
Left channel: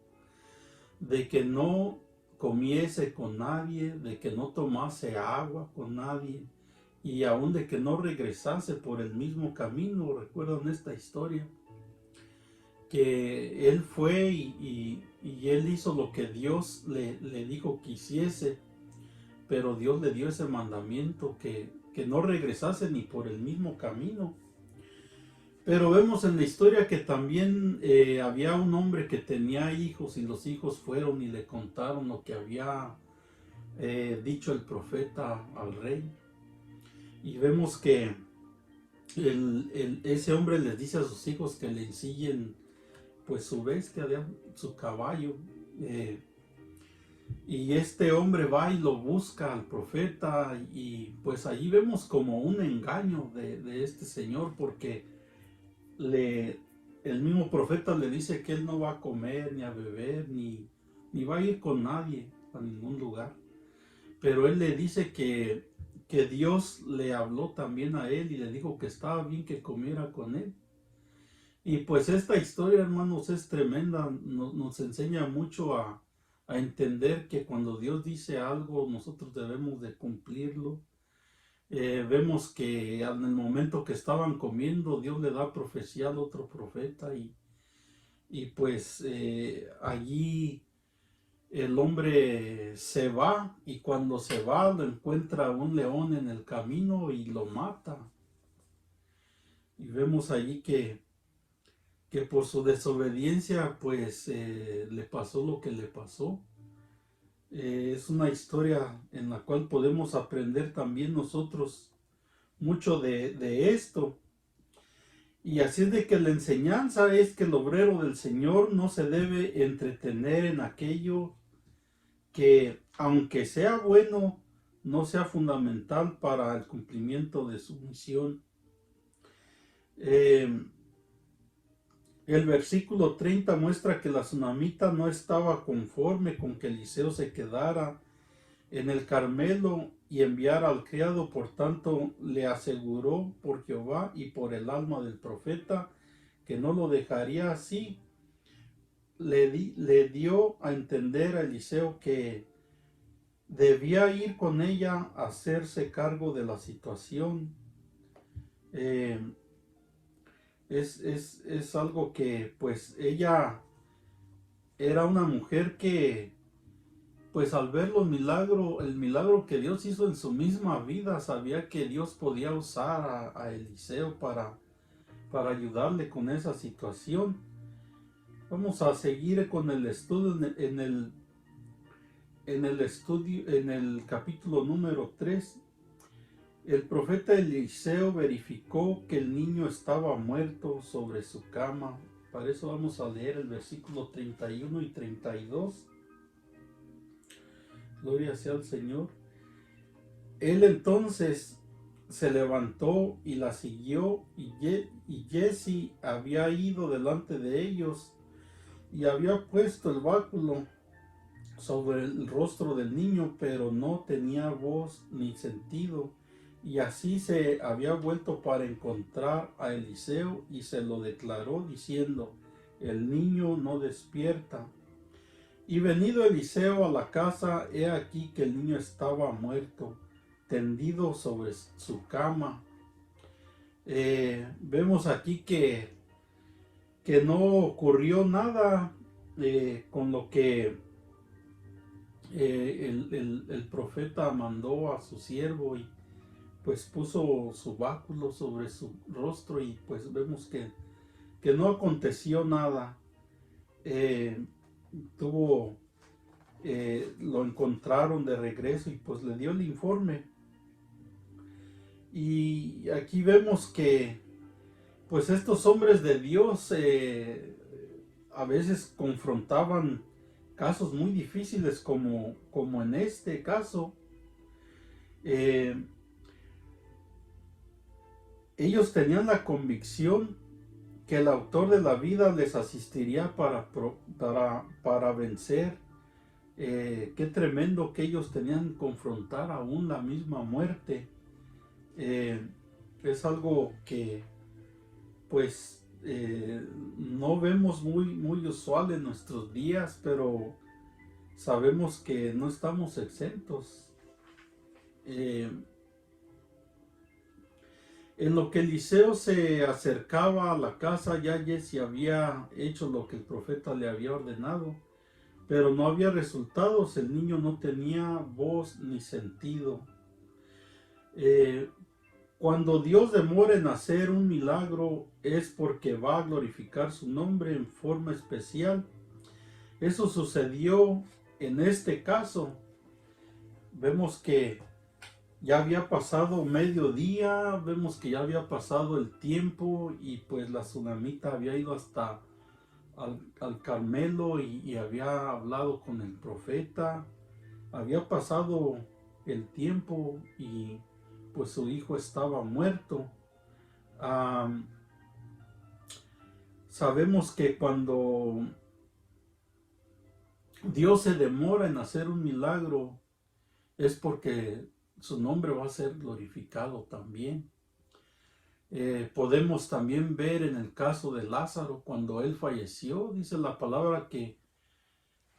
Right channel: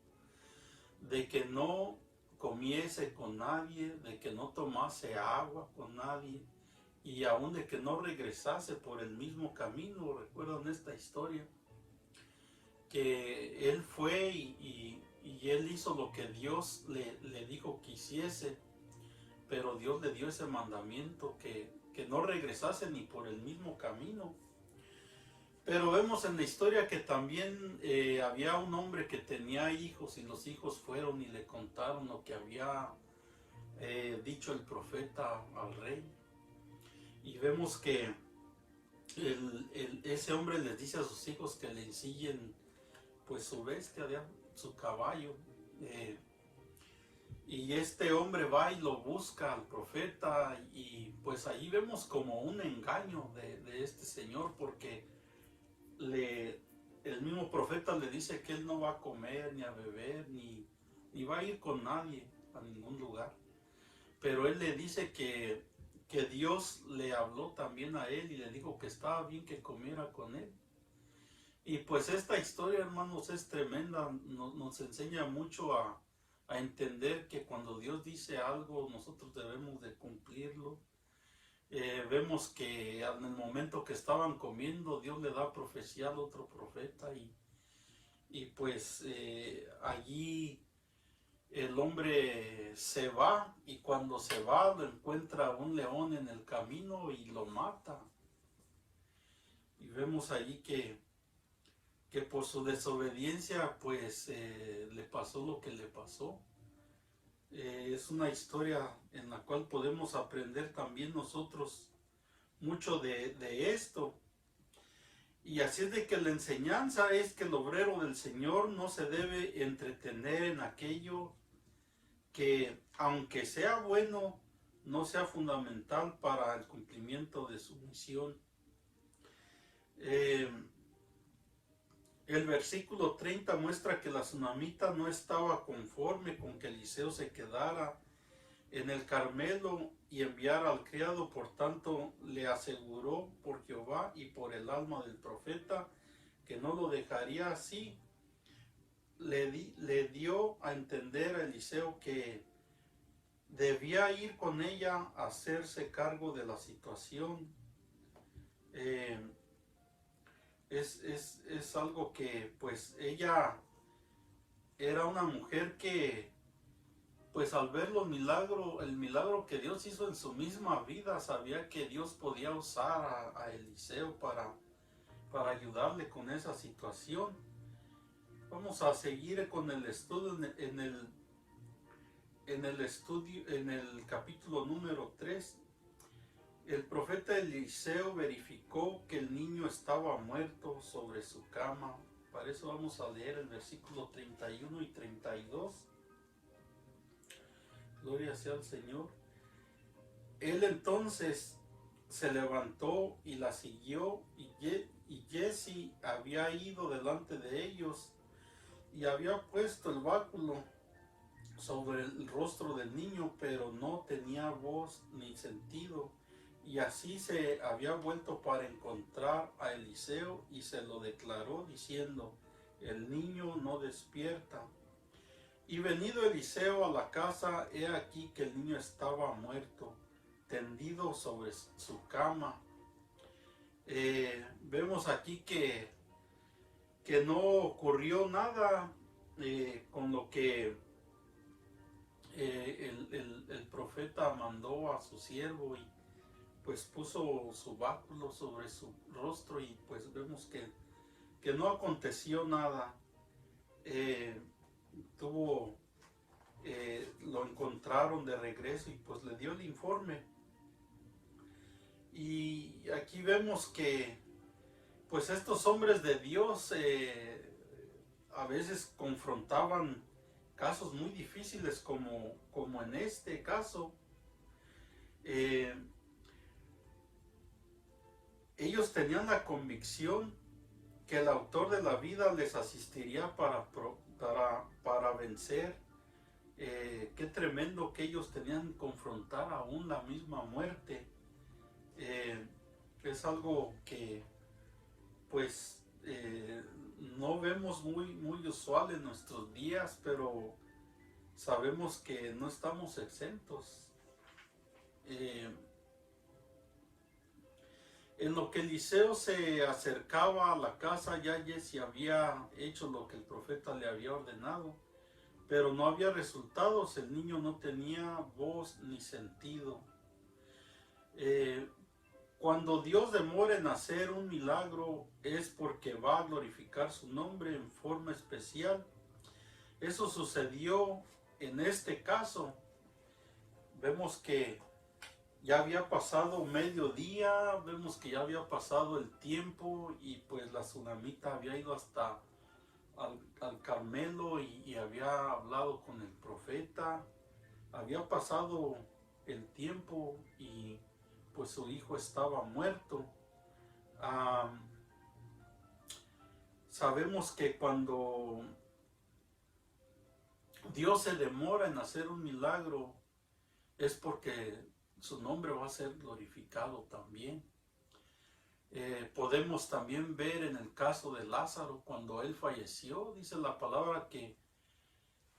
de que no comiese con nadie, de que no tomase agua con nadie, y aún de que no regresase por el mismo camino. ¿Recuerdan esta historia? Que él fue y él hizo lo que Dios le dijo que hiciese, pero Dios le dio ese mandamiento que no regresase ni por el mismo camino. Pero vemos en la historia que también había un hombre que tenía hijos, y los hijos fueron y le contaron lo que había dicho el profeta al rey. Y vemos que ese hombre les dice a sus hijos que le ensillen pues su bestia, su caballo. Y este hombre va y lo busca al profeta, y pues allí vemos como un engaño de este señor, porque el mismo profeta le dice que él no va a comer ni a beber ni va a ir con nadie a ningún lugar, pero él le dice que Dios le habló también a él y le dijo que estaba bien que comiera con él. Y pues esta historia, hermanos, es tremenda. Nos enseña mucho a entender que cuando Dios dice algo, nosotros debemos de cumplirlo. Vemos que en el momento que estaban comiendo, Dios le da profecía al otro profeta, y pues allí el hombre se va, y cuando se va lo encuentra un león en el camino y lo mata. Y vemos allí que por su desobediencia pues le pasó lo que le pasó. Es una historia en la cual podemos aprender también nosotros mucho de esto. Y así es de que la enseñanza es que el obrero del Señor no se debe entretener en aquello que, aunque sea bueno, no sea fundamental para el cumplimiento de su misión. El versículo 30 muestra que la tsunamita no estaba conforme con que Eliseo se quedara en el Carmelo y enviara al criado. Por tanto, le aseguró por Jehová y por el alma del profeta que no lo dejaría así. Le dio a entender a Eliseo que debía ir con ella a hacerse cargo de la situación. Es algo que pues ella era una mujer que pues al ver el milagro que Dios hizo en su misma vida, sabía que Dios podía usar a Eliseo para ayudarle con esa situación. Vamos a seguir con el estudio en el capítulo número 3. El profeta Eliseo verificó que el niño estaba muerto sobre su cama. Para eso vamos a leer el versículo 31 y 32. Gloria sea al Señor. Él entonces se levantó y la siguió, y Giezi había ido delante de ellos y había puesto el báculo sobre el rostro del niño, pero no tenía voz ni sentido. Y así se había vuelto para encontrar a Eliseo y se lo declaró diciendo: el niño no despierta. Y venido Eliseo a la casa, he aquí que el niño estaba muerto, tendido sobre su cama. Vemos aquí que no ocurrió nada con lo que el profeta mandó a su siervo, y pues puso su báculo sobre su rostro, y pues vemos que no aconteció nada. Lo encontraron de regreso y pues le dio el informe. Y aquí vemos que pues estos hombres de Dios a veces confrontaban casos muy difíciles como en este caso. Ellos tenían la convicción que el autor de la vida les asistiría para vencer. Qué tremendo que ellos tenían que confrontar aún la misma muerte. Es algo que pues no vemos muy usual en nuestros días, pero sabemos que no estamos exentos. En lo que Eliseo se acercaba a la casa, ya Giezi había hecho lo que el profeta le había ordenado, pero no había resultados. El niño no tenía voz ni sentido. Cuando Dios demora en hacer un milagro, es porque va a glorificar su nombre en forma especial. Eso sucedió en este caso. Vemos que ya había pasado mediodía, vemos que ya había pasado el tiempo, y pues la tsunamita había ido hasta al Carmelo y había hablado con el profeta. Había pasado el tiempo y pues su hijo estaba muerto. Sabemos que cuando Dios se demora en hacer un milagro, es porque su nombre va a ser glorificado también. Podemos también ver en el caso de Lázaro, cuando él falleció, dice la palabra que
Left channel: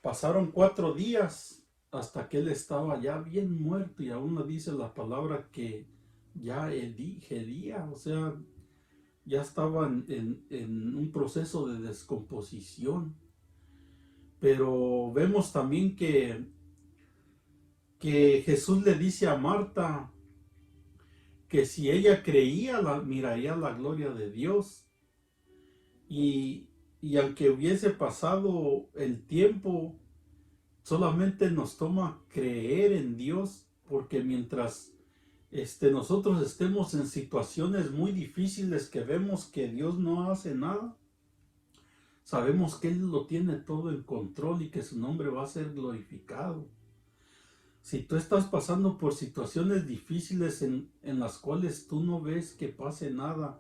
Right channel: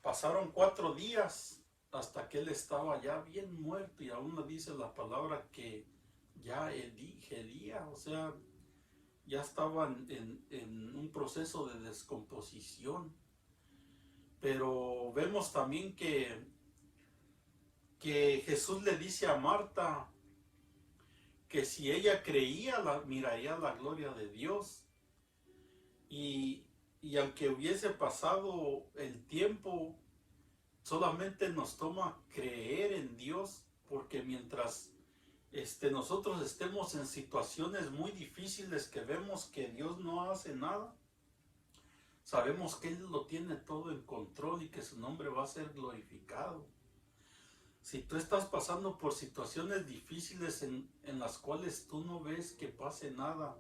pasaron 4 días hasta que él estaba ya bien muerto, y aún dice la palabra que ya gedía, o sea, ya estaba en un proceso de descomposición. Pero vemos también que Jesús le dice a Marta que si ella creía, miraría la gloria de Dios. Y aunque hubiese pasado el tiempo, solamente nos toma creer en Dios, porque mientras nosotros estemos en situaciones muy difíciles que vemos que Dios no hace nada, sabemos que Él lo tiene todo en control y que su nombre va a ser glorificado. Si tú estás pasando por situaciones difíciles en las cuales tú no ves que pase nada,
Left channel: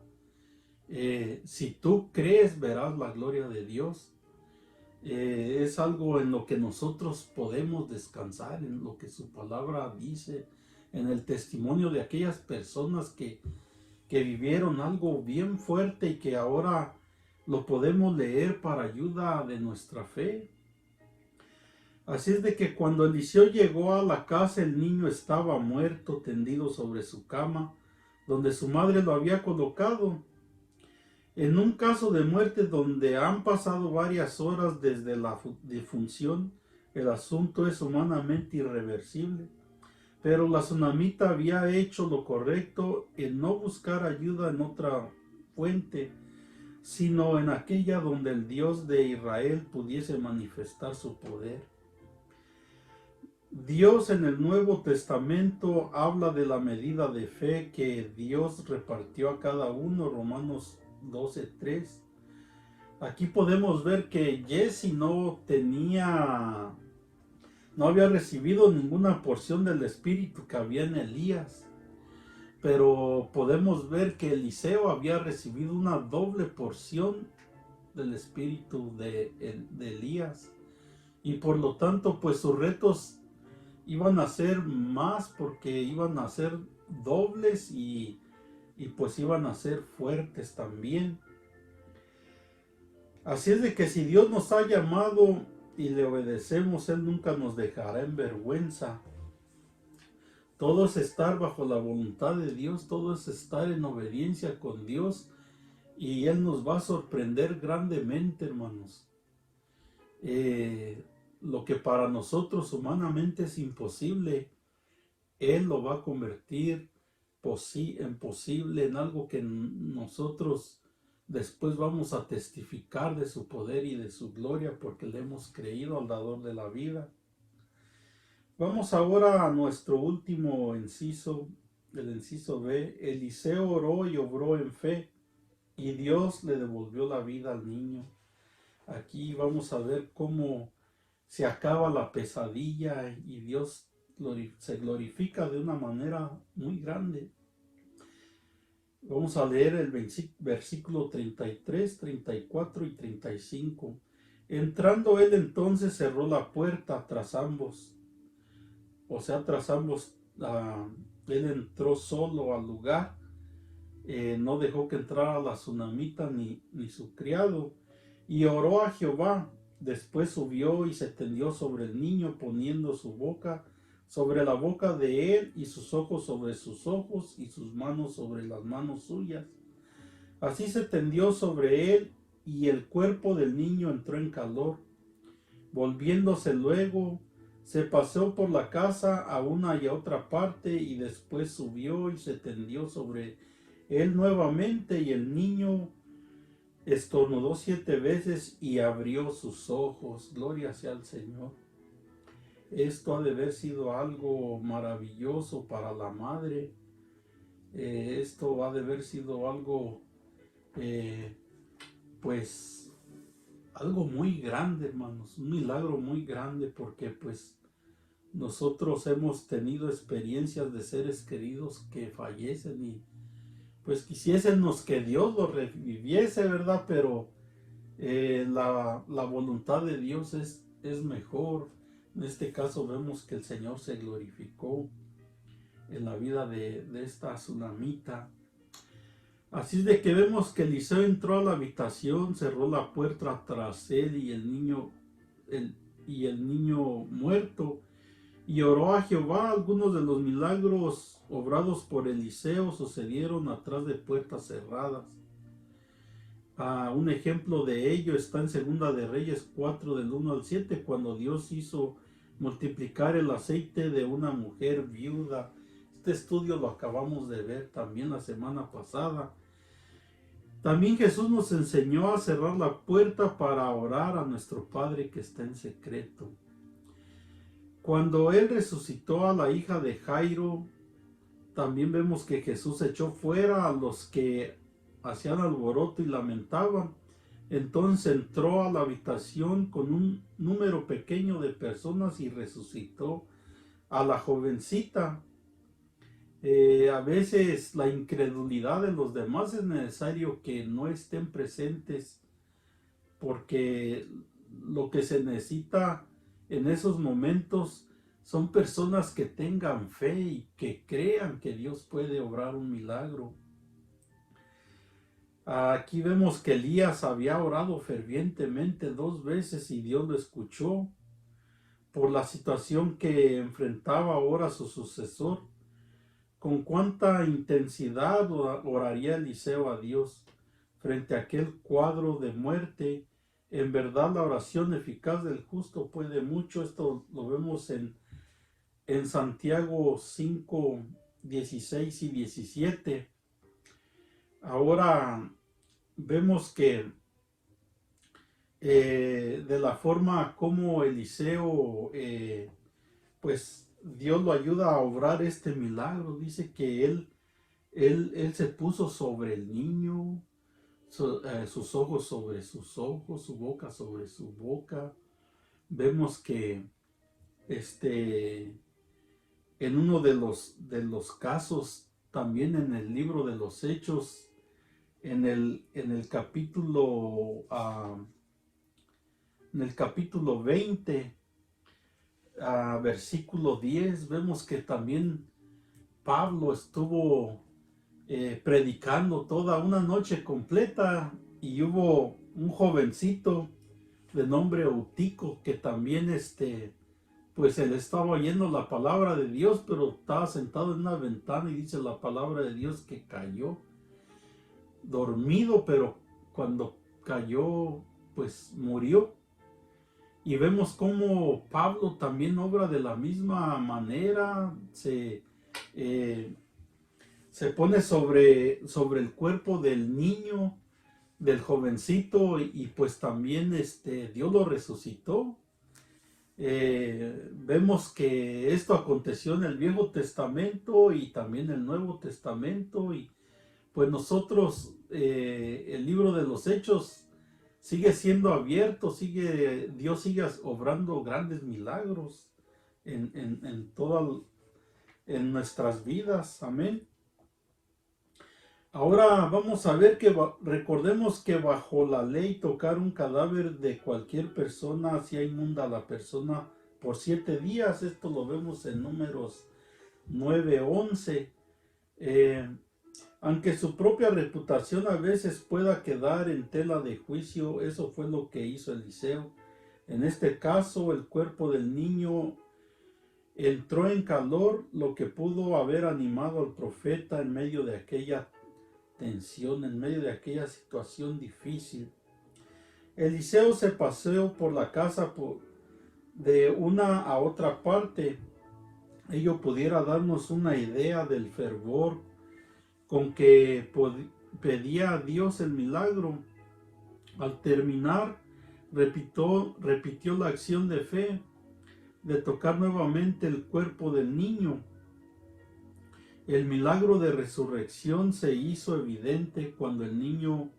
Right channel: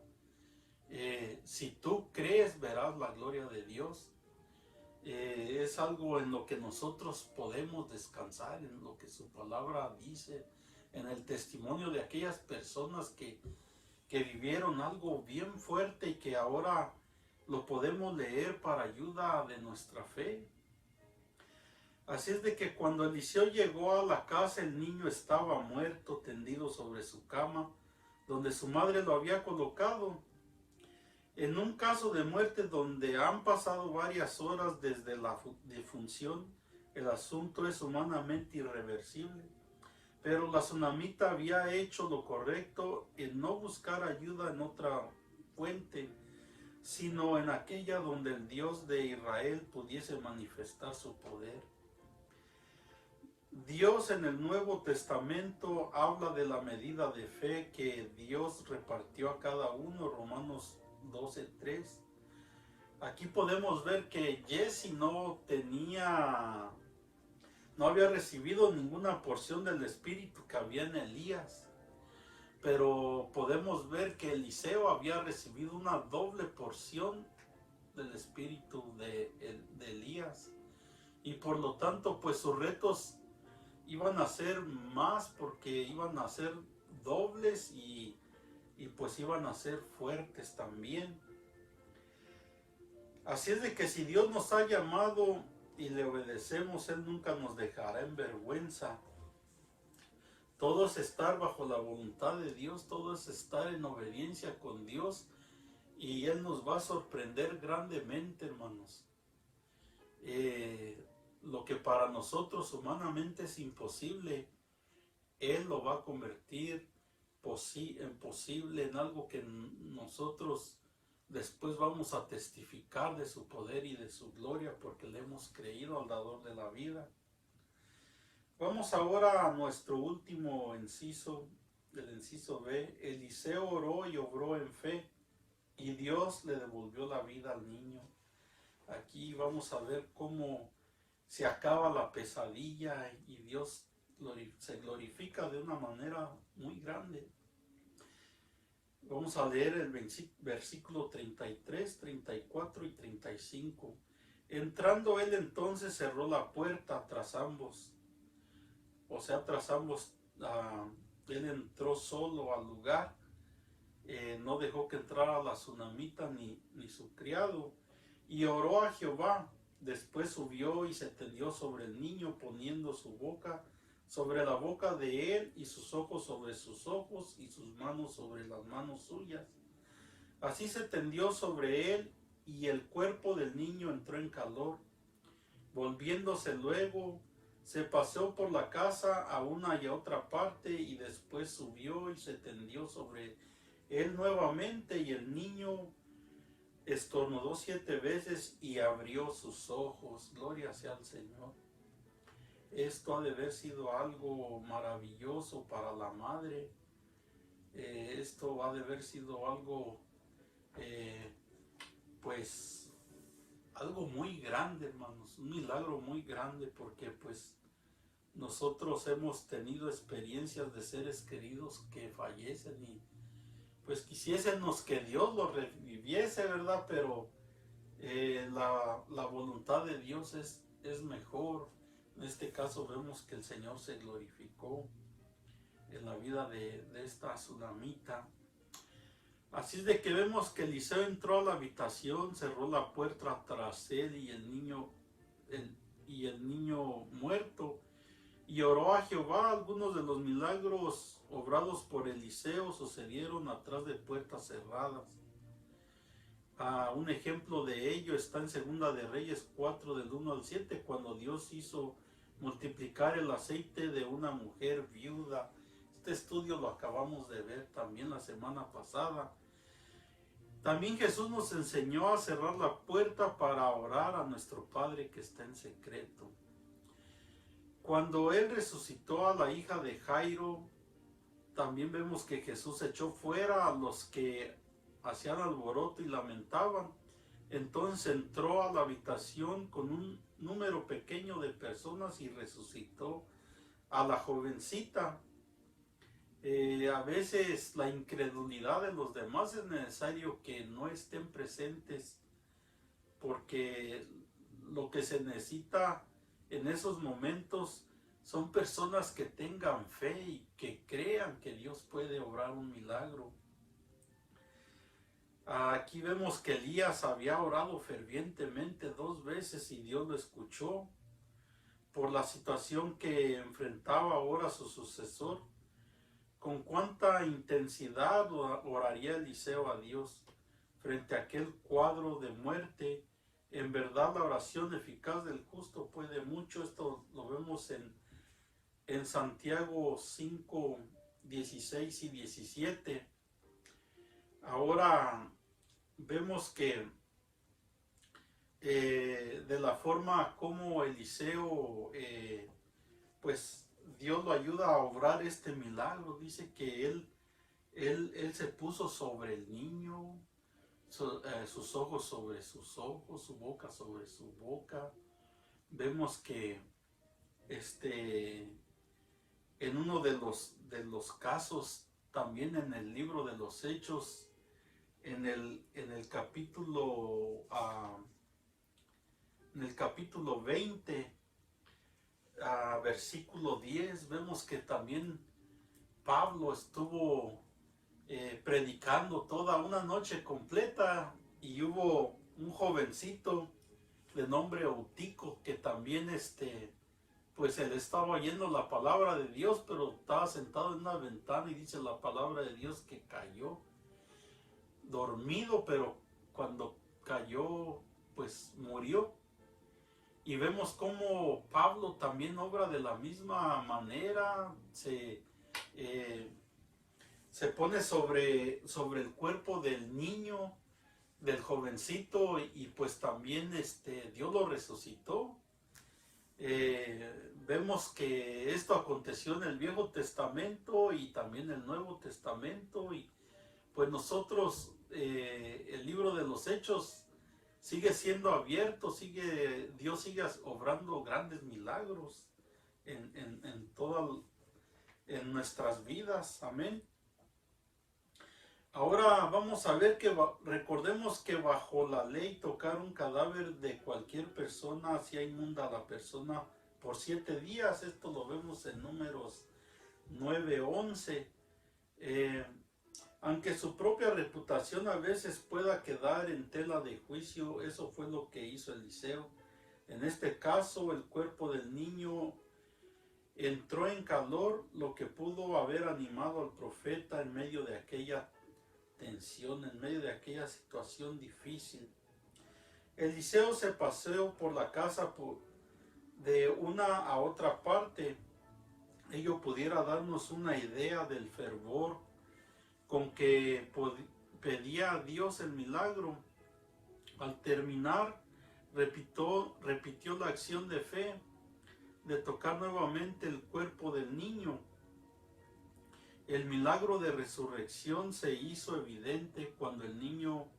si tú crees, verás la gloria de Dios. Es algo en lo que nosotros podemos descansar, en lo que su palabra dice, en el testimonio de aquellas personas que vivieron algo bien fuerte y que ahora lo podemos leer para ayuda de nuestra fe. Así es de que cuando Eliseo llegó a la casa, el niño estaba muerto, tendido sobre su cama, donde su madre lo había colocado. En un caso de muerte donde han pasado varias horas desde la defunción, el asunto es humanamente irreversible. Pero la tsunamita había hecho lo correcto en no buscar ayuda en otra fuente, sino en aquella donde el Dios de Israel pudiese manifestar su poder. Dios en el Nuevo Testamento habla de la medida de fe que Dios repartió a cada uno, Romanos 12:3. Aquí podemos ver que Jesse no había recibido ninguna porción del Espíritu que había en Elías, pero podemos ver que Eliseo había recibido una doble porción del Espíritu de Elías, y por lo tanto pues sus retos iban a ser más, porque iban a ser dobles y pues iban a ser fuertes también. Así es de que si Dios nos ha llamado y le obedecemos, Él nunca nos dejará en vergüenza. Todo es estar bajo la voluntad de Dios, todo es estar en obediencia con Dios, y Él nos va a sorprender grandemente, hermanos. Lo que para nosotros humanamente es imposible, Él lo va a convertir en posible, en algo que nosotros después vamos a testificar de su poder y de su gloria, porque le hemos creído al dador de la vida. Vamos ahora a nuestro último inciso, el inciso B. Eliseo oró y obró en fe, y Dios le devolvió la vida al niño. Aquí vamos a ver cómo se acaba la pesadilla y Dios se glorifica de una manera muy grande. Vamos a leer el versículo 33, 34 y 35. Entrando él entonces cerró la puerta tras ambos. O sea, tras ambos, él entró solo al lugar. No dejó que entrara la tsunamita ni su criado. Y oró a Jehová. Después subió y se tendió sobre el niño, poniendo su boca sobre la boca de él, y sus ojos sobre sus ojos, y sus manos sobre las manos suyas. Así se tendió sobre él, y el cuerpo del niño entró en calor. Volviéndose luego, se paseó por la casa a una y a otra parte, y después subió y se tendió sobre él nuevamente, y el niño estornudó 7 veces y abrió sus ojos. Gloria sea al Señor. Esto ha de haber sido algo maravilloso para la madre. Esto ha de haber sido algo, pues, algo muy grande, hermanos. Un milagro muy grande, porque pues nosotros hemos tenido experiencias de seres queridos que fallecen y pues quisiésemos que Dios los reviviese, ¿verdad? Pero la voluntad de Dios es mejor. En este caso vemos que el Señor se glorificó en la vida de esta tsunamita. Así es de que vemos que Eliseo entró a la habitación, cerró la puerta tras él y el niño muerto, y oró a Jehová. Algunos de los milagros obrados por Eliseo sucedieron atrás de puertas cerradas. Un ejemplo de ello está en Segunda de Reyes 4 del 1 al 7, cuando Dios hizo multiplicar el aceite de una mujer viuda. Este estudio lo acabamos de ver también la semana pasada. También Jesús nos enseñó a cerrar la puerta para orar a nuestro Padre que está en secreto. Cuando Él resucitó a la hija de Jairo, también vemos que Jesús echó fuera a los que hacían alboroto y lamentaban. Entonces entró a la habitación con un número pequeño de personas y resucitó a la jovencita. A veces la incredulidad de los demás es necesario que no estén presentes, porque lo que se necesita en esos momentos son personas que tengan fe y que crean que Dios puede obrar un milagro. Aquí vemos que Elías había orado fervientemente 2 veces y Dios lo escuchó por la situación que enfrentaba ahora su sucesor. Con cuánta intensidad oraría Eliseo a Dios frente a aquel cuadro de muerte En verdad la oración eficaz del justo puede mucho. Esto lo vemos en Santiago 5, 16 y 17. Ahora vemos que de la forma como Eliseo, pues Dios lo ayuda a obrar este milagro. Dice que él se puso sobre el niño, sus ojos sobre sus ojos, su boca sobre su boca. Vemos que en uno de los casos, también en el libro de los Hechos, en el capítulo 20, versículo 10, vemos que también Pablo estuvo predicando toda una noche completa, y hubo un jovencito de nombre Eutico que también pues él estaba oyendo la palabra de Dios, pero estaba sentado en una ventana, y dice la palabra de Dios que cayó dormido, pero cuando cayó pues murió. Y vemos cómo Pablo también obra de la misma manera. Se pone sobre el cuerpo del niño, del jovencito, y pues también Dios lo resucitó. Vemos que esto aconteció en el Viejo Testamento y también en el Nuevo Testamento, y pues nosotros, el libro de los Hechos sigue siendo abierto, Dios sigue obrando grandes milagros en nuestras vidas. Amén. Ahora vamos a ver que recordemos que bajo la ley tocar un cadáver de cualquier persona hacía inmunda a la persona por 7 días. Esto lo vemos en Números 9:11. Aunque su propia reputación a veces pueda quedar en tela de juicio, eso fue lo que hizo Eliseo. En este caso, el cuerpo del niño entró en calor, lo que pudo haber animado al profeta en medio de aquella tensión, en medio de aquella situación difícil. Eliseo se paseó por la casa de una a otra parte. Ello pudiera darnos una idea del fervor con que pedía a Dios el milagro. Al terminar, repitió la acción de fe de tocar nuevamente el cuerpo del niño. El milagro de resurrección se hizo evidente cuando el niño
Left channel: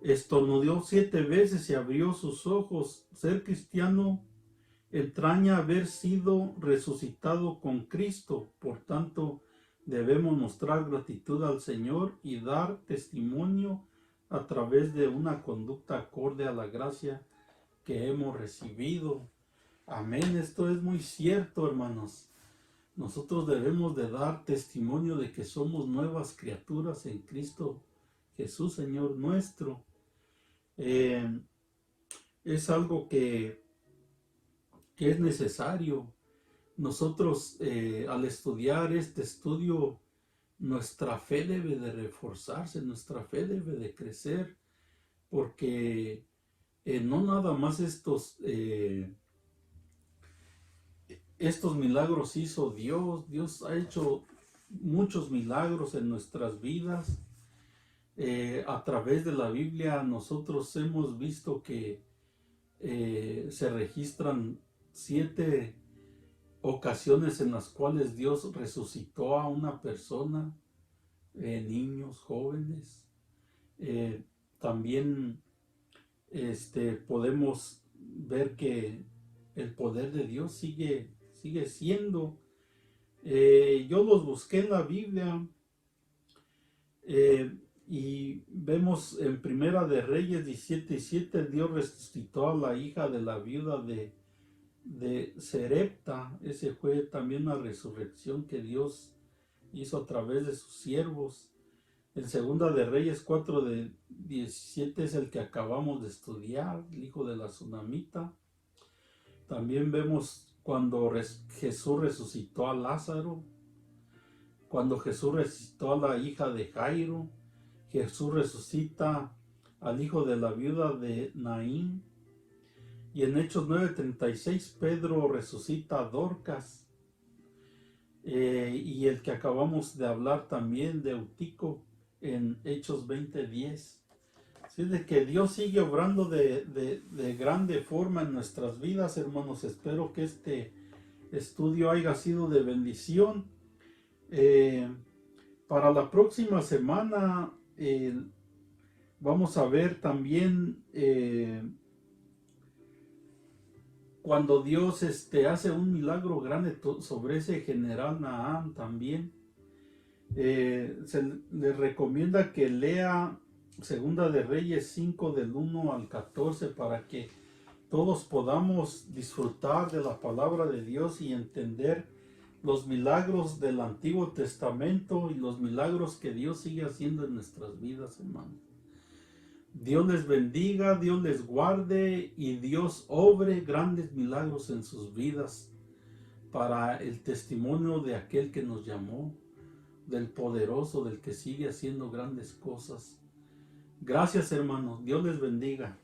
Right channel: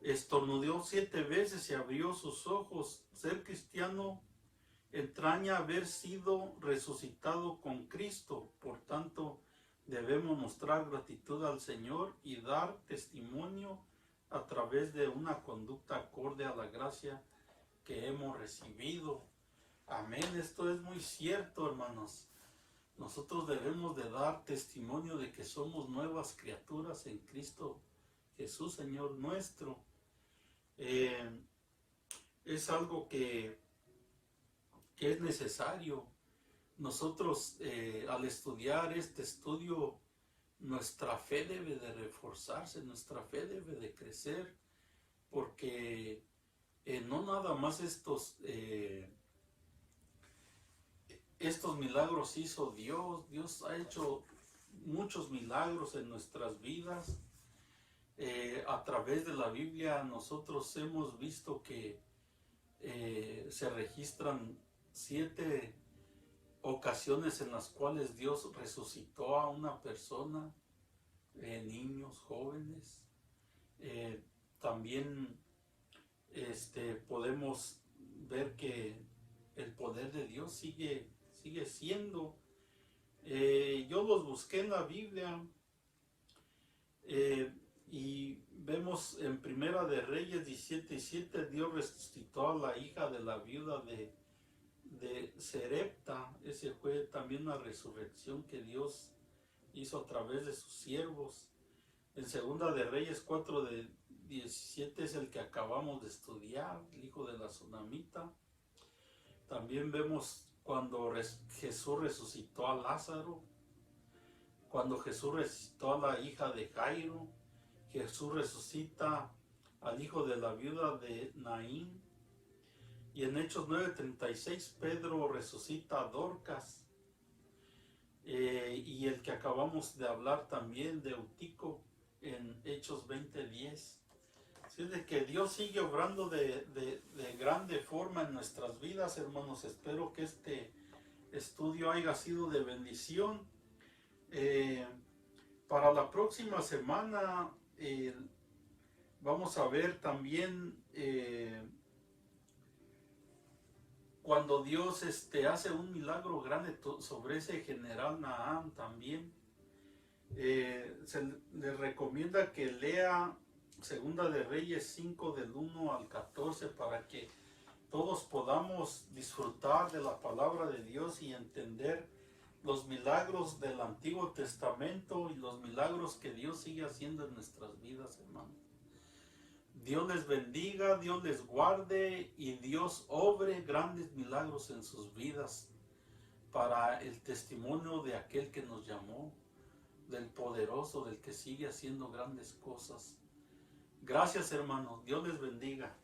estornudó 7 veces y abrió sus ojos. Ser cristiano entraña haber sido resucitado con Cristo. Por tanto, debemos mostrar gratitud al Señor y dar testimonio a través de una conducta acorde a la gracia que hemos recibido. Amén. Esto es muy cierto, hermanos. Nosotros debemos de dar testimonio de que somos nuevas criaturas en Cristo Jesús, Señor nuestro. Es algo que es necesario. Nosotros, al estudiar este estudio, nuestra fe debe de reforzarse, nuestra fe debe de crecer, porque no nada más estos milagros hizo Dios. Dios ha hecho muchos milagros en nuestras vidas. A través de la Biblia nosotros hemos visto que se registran 7 ocasiones en las cuales Dios resucitó a una persona, niños, jóvenes. También podemos ver que el poder de Dios sigue siendo. Yo los busqué en la Biblia, y vemos en Primera de Reyes 17:7, Dios resucitó a la hija de la viuda de Serepta. Ese fue también una resurrección que Dios hizo a través de sus siervos. En Segunda de Reyes 4:17 es el que acabamos de estudiar, el hijo de la Sunamita. También vemos cuando Jesús resucitó a Lázaro, cuando Jesús resucitó a la hija de Jairo. Jesús resucita al hijo de la viuda de Naín. Y en Hechos 9:36 Pedro resucita a Dorcas. Y el que acabamos de hablar también de Eutico en Hechos 20:10. Así de que Dios sigue obrando de grande forma en nuestras vidas, hermanos. Espero que este estudio haya sido de bendición. Para la próxima semana vamos a ver también cuando Dios hace un milagro grande sobre ese general Nahán también. Se le recomienda que lea Segunda de Reyes 5 del 1 al 14 para que todos podamos disfrutar de la palabra de Dios y entender los milagros del Antiguo Testamento y los milagros que Dios sigue haciendo en nuestras vidas, hermanos. Dios les bendiga, Dios les guarde y Dios obre grandes milagros en sus vidas para el testimonio de aquel que nos llamó, del poderoso, del que sigue haciendo grandes cosas. Gracias, hermanos. Dios les bendiga.